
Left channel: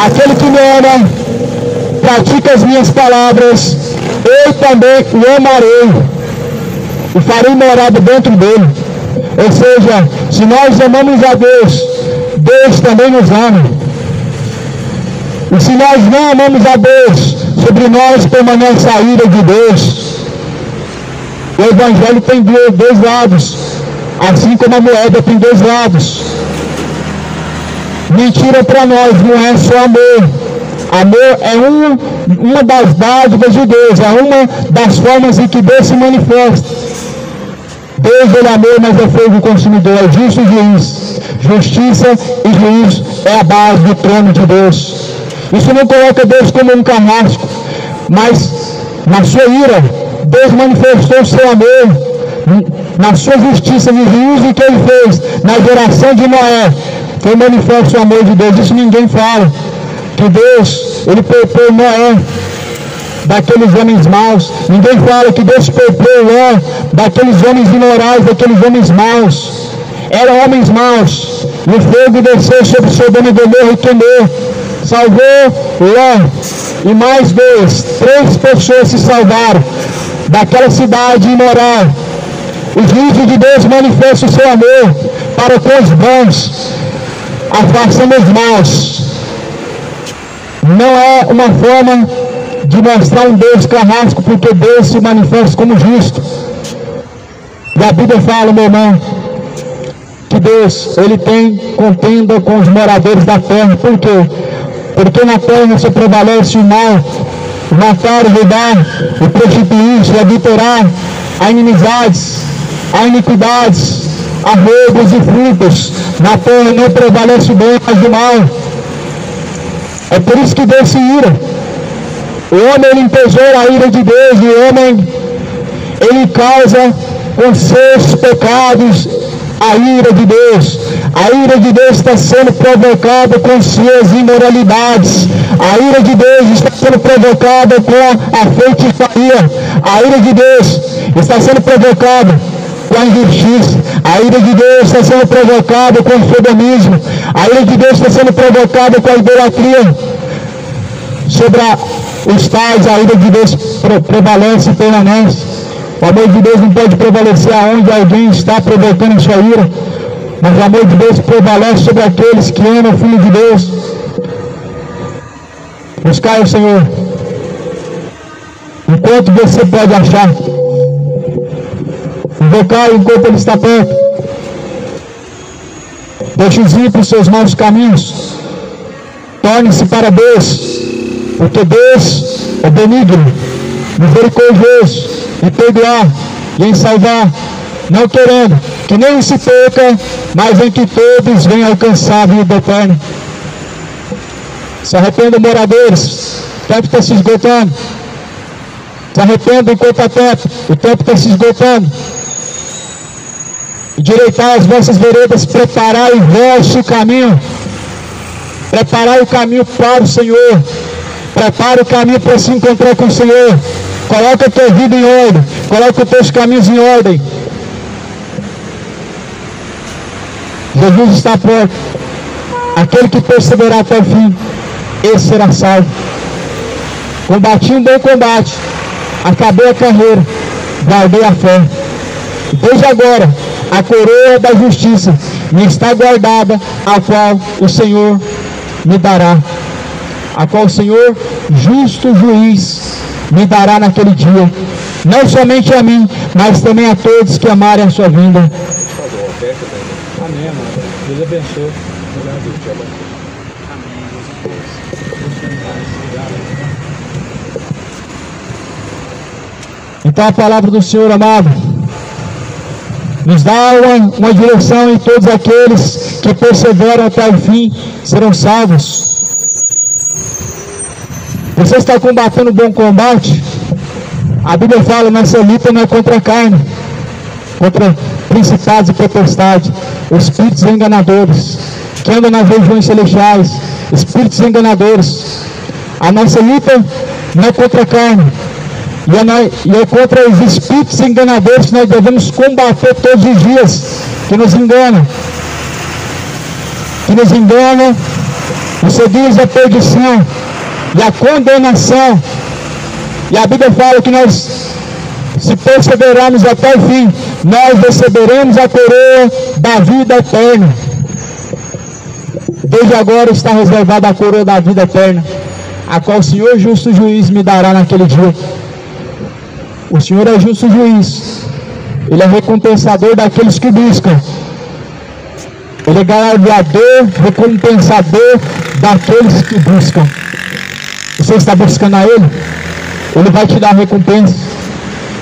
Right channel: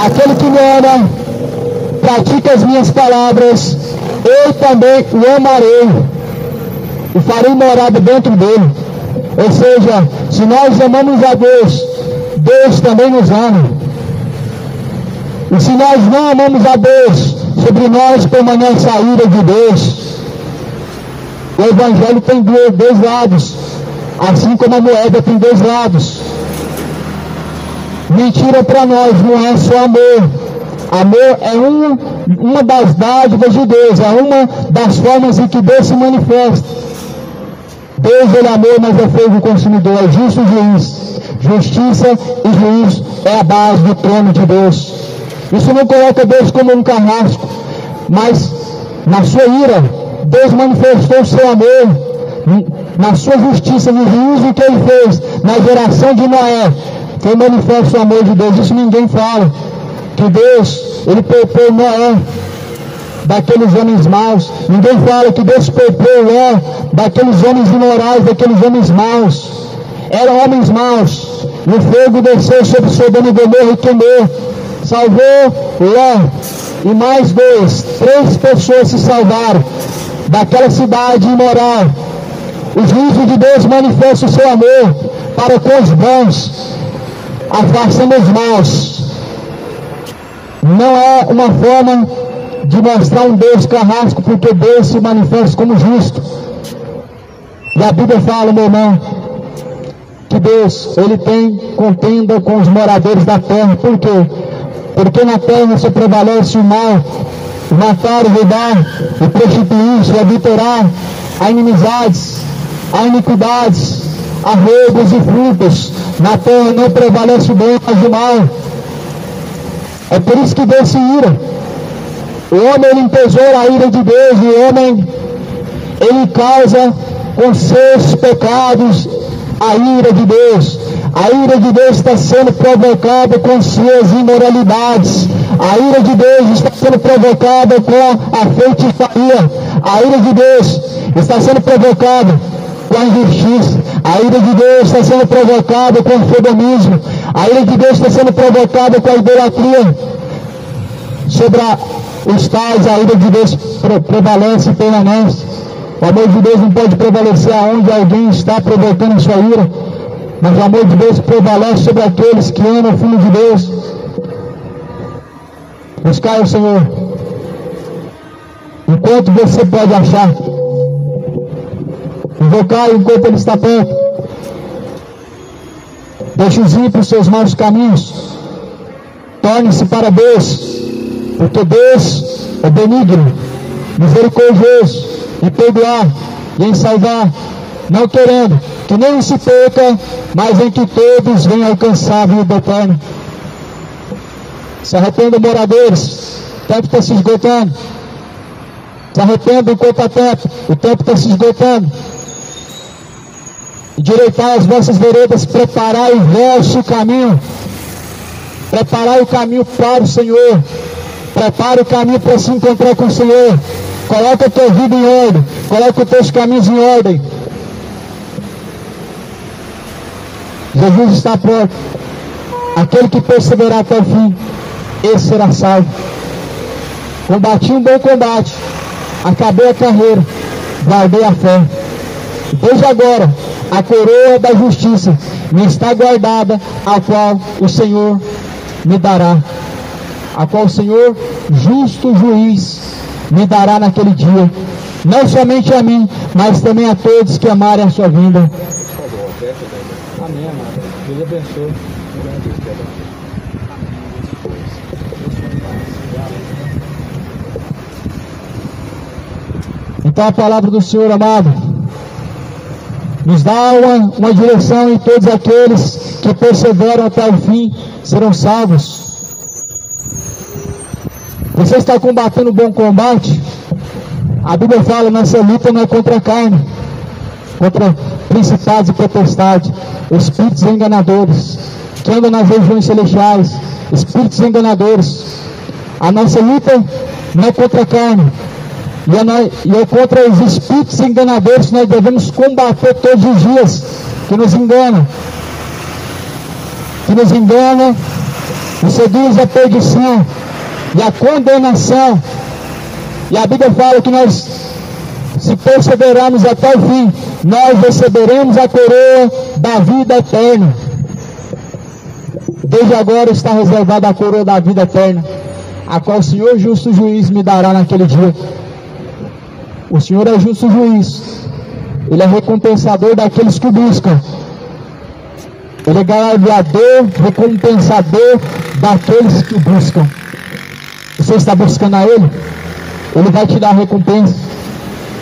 Aquele que me ama, pratica as minhas palavras, eu também o amarei e farei morada dentro dele. Ou seja, se nós amamos a Deus, Deus também nos ama. E se nós não amamos a Deus, sobre nós permanece a ira de Deus. O Evangelho tem dois lados, assim como a moeda tem dois lados. Mentira para nós não é só amor. Amor é uma das dádivas de Deus, é uma das formas em que Deus se manifesta. Deus é amor, mas é fogo consumidor, é justo juiz. Justiça e juízo é a base do trono de Deus. Isso não coloca Deus como um carrasco, mas na sua ira, Deus manifestou o seu amor. Na sua justiça, no juízo que ele fez, na geração de Noé, foi manifesto o amor de Deus. Isso ninguém fala. Que Deus, ele poupou Noé daqueles homens maus. Ninguém fala que Deus poupou Noé daqueles homens imorais, daqueles homens maus. Eram homens maus. E o fogo desceu sobre Sodoma e Gomorra e queimou. Salvou Ló e mais três pessoas se salvaram daquela cidade imoral. O juízo de Deus manifesta o seu amor para com os bons, afastando os maus. Não é uma forma de mostrar um Deus carrasco, porque Deus se manifesta como justo. E a Bíblia fala, meu irmão, que Deus, ele tem contenda com os moradores da terra. Por quê? Porque na terra só prevalece o mal, o matar, o roubar, o prostituir-se, o adulterar, há inimizades, há iniquidades, há roubos e frutos. Na terra não prevalece o bem, mas o mal. É por isso que Deus se ira. O homem, ele entesoura a ira de Deus, e o homem, ele causa com seus pecados a ira de Deus. A ira de Deus está sendo provocada com suas imoralidades. A ira de Deus está sendo provocada com a feitiçaria. A ira de Deus está sendo provocada com a injustiça. A ira de Deus está sendo provocada com o sodomismo. A ira de Deus está sendo provocada com a idolatria. Sobre os tais, a ira de Deus prevalece e permanece. O amor de Deus não pode prevalecer aonde alguém está provocando a sua ira. Mas o amor de Deus prevalece sobre aqueles que amam o Filho de Deus. Buscai o Senhor enquanto você pode achar. Invocar enquanto ele está perto. Deixe os ímpios seus maus caminhos. Torne-se para Deus, porque Deus é benigno, misericordioso, em perdoar e em salvar, não querendo que nenhum se perca, mas em que todos venham alcançar a vida eterna. Se arrependam, moradores, o tempo está se esgotando. Se arrependam enquanto há tempo, o tempo está se esgotando. Endireitai as vossas veredas, preparai o vosso caminho. Preparai o caminho para o Senhor. Prepare o caminho para se encontrar com o Senhor. Coloca a tua vida em ordem. Coloca os teus caminhos em ordem. Jesus está perto. Aquele que perseverar até o fim, esse será salvo. Combati um bom combate. Acabei a carreira. Guardei a fé. Desde agora, a coroa da justiça me está guardada, a qual o Senhor me dará, a qual o Senhor, justo juiz, me dará naquele dia, não somente a mim, mas também a todos que amarem a sua vinda. Amém, amado. Deus abençoe. Então a palavra do Senhor, amado, nos dá uma direção, e todos aqueles que perseveram até o fim serão salvos. Você está combatendo um bom combate? A Bíblia fala, nossa luta não é contra a carne, contra principados e potestades, espíritos enganadores, que andam nas regiões celestiais, espíritos enganadores. A nossa luta não é contra a carne, e é contra os espíritos enganadores que nós devemos combater todos os dias, que nos enganam, e seduz a perdição e a condenação. E a Bíblia fala que nós, se perseverarmos até o fim, nós receberemos a coroa da vida eterna. Desde agora está reservada a coroa da vida eterna, a qual o Senhor justo juiz me dará naquele dia. O Senhor é justo juiz, Ele é recompensador daqueles que buscam, Ele é galardoador, recompensador daqueles que buscam. Você está buscando a Ele? Ele vai te dar recompensa.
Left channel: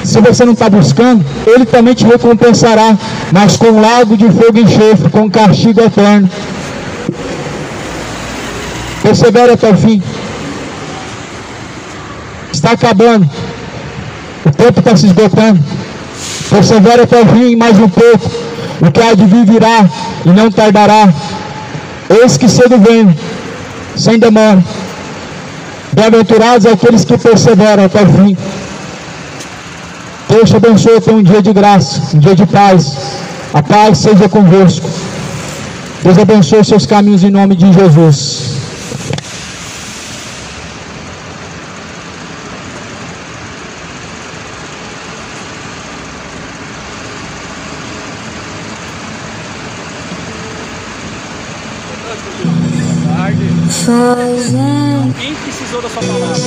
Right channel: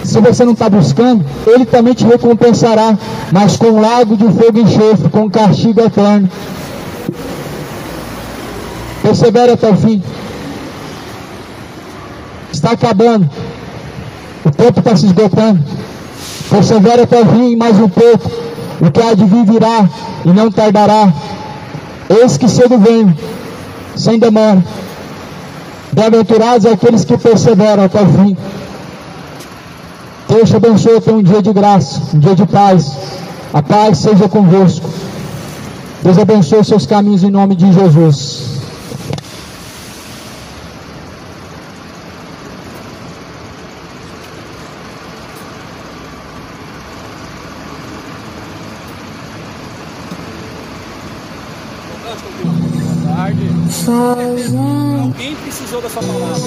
Se você não está buscando, Ele também te recompensará, mas com um lago de fogo e enxofre, com castigo eterno. Persevere até o fim. Está acabando. O tempo está se esgotando. Persevere até o fim, mais um pouco. O que há de vir virá e não tardará. Eis que cedo vem, sem demora. Bem-aventurados aqueles que perseveram até o fim. Deus te abençoe, tenha um dia de graça, um dia de paz. A paz seja convosco. Deus abençoe os seus caminhos em nome de Jesus. Alguém precisou dessa palavra?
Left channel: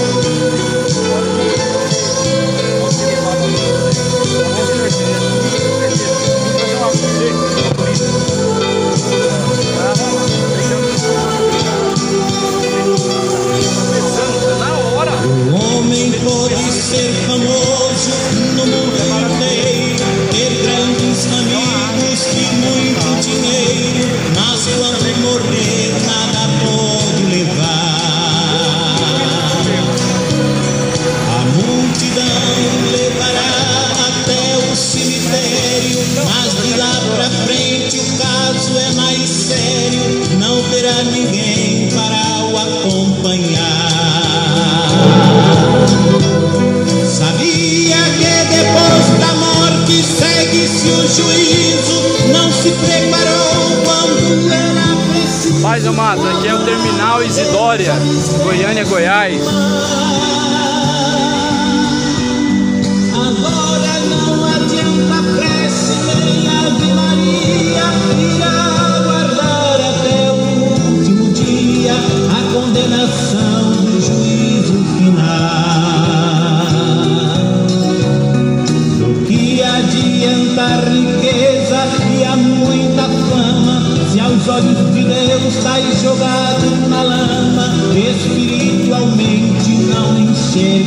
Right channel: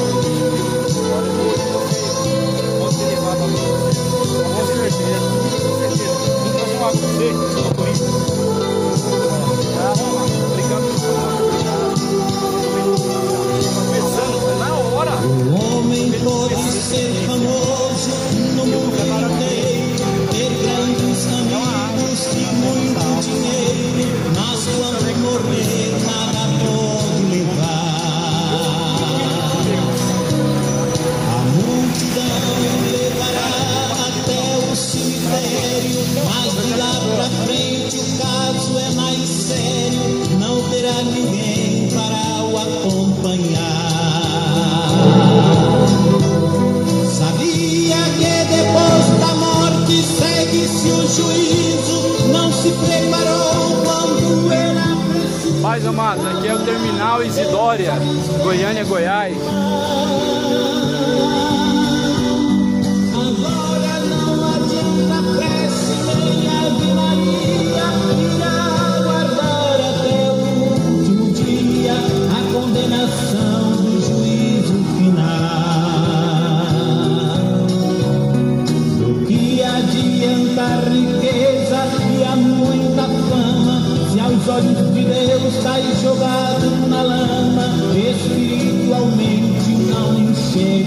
O homem pode ser famoso no mundo inteiro, ter grandes amigos e muito dinheiro, mas quando morrer nada pode levar. A multidão levará até o cemitério, mas de lá pra frente o caso é mais sério, não terá ninguém para o acompanhar. Sabia que depois da morte segue-se o juízo, não se preparou quando era preciso. Mais amados, aqui é o Terminal Isidória, Goiânia, Goiás. Agora não adianta prece nem Ave Maria, irá aguardar até o último dia a condenação do juízo final. Do que adianta a riqueza e a muita fama, se aos olhos de Deus está jogado na lama, espiritualmente não enxerga.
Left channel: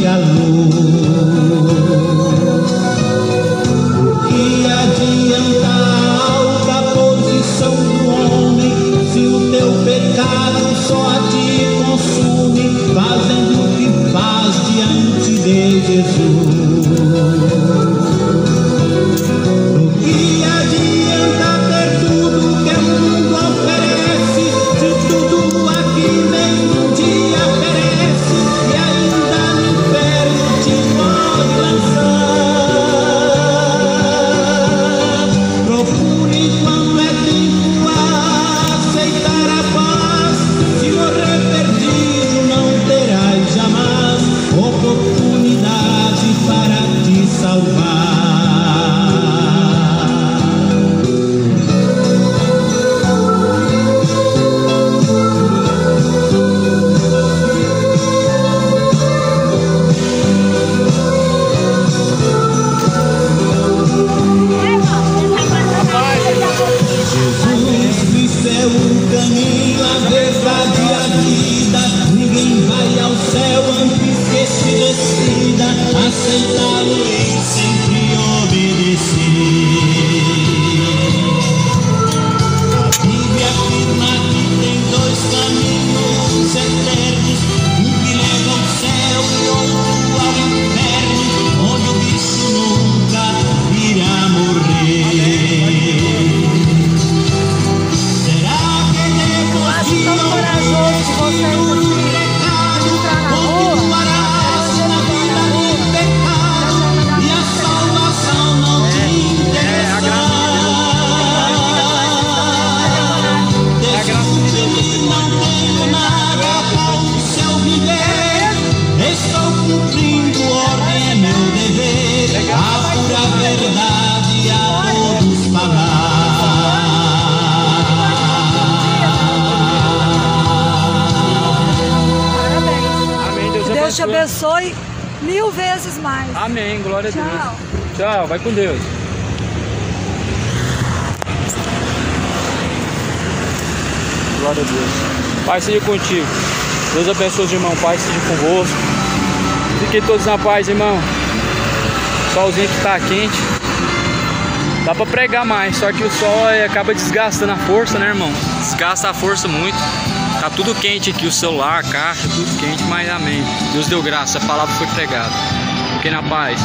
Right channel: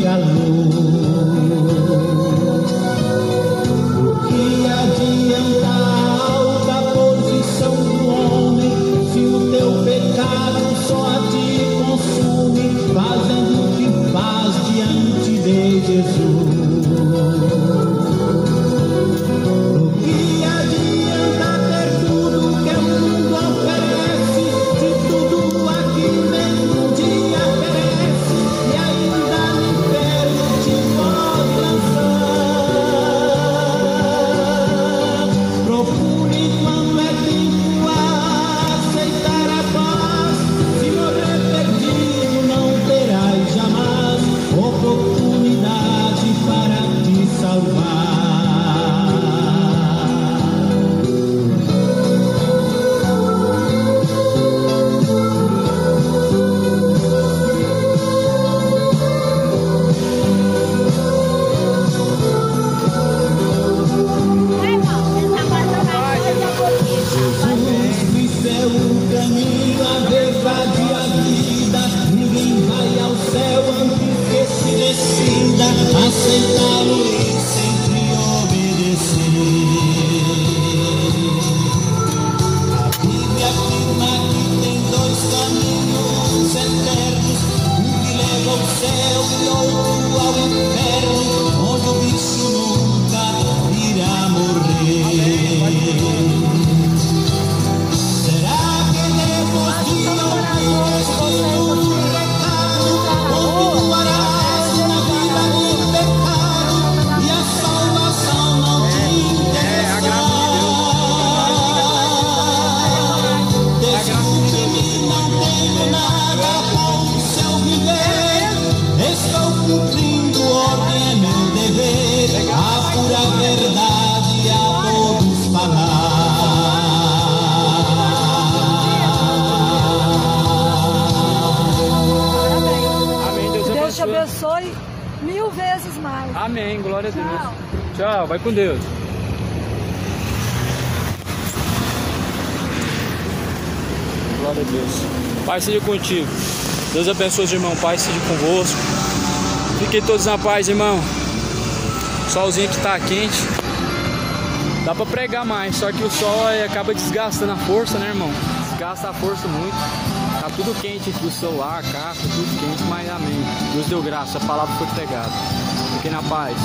Jesus Cristo é o caminho, a verdade e a vida. Ninguém vai ao céu antes que se decida aceitá-lo e sempre obedecer. A Bíblia afirma que tem dois caminhos eternos, um que leva ao céu e outro ao inferno, onde o bicho nunca irá morrer. Será que devemos ir ao destino de pecado, onde pararás na vida de pecado e a salvação não te interessa? Desculpe-me, não tenho nada para o seu viver. Estou cumprindo ordem, é meu dever, a pura verdade a todos falar. Amém. Deus te abençoe 1000 vezes mais. Amém. Glória a Deus. Tchau. Tchau. Vai com Deus. Glória a Deus. Pai seja contigo. Deus abençoe os irmãos. Pai seja convosco. Fiquem todos na paz, irmão. Solzinho que tá quente. Dá pra pregar mais, só que o sol acaba desgastando a força, né, irmão? Desgasta a força muito. Tá tudo quente aqui, o celular, a caixa, tudo quente, mas amém. Deus deu graça, a palavra foi pregada. Fiquem na paz.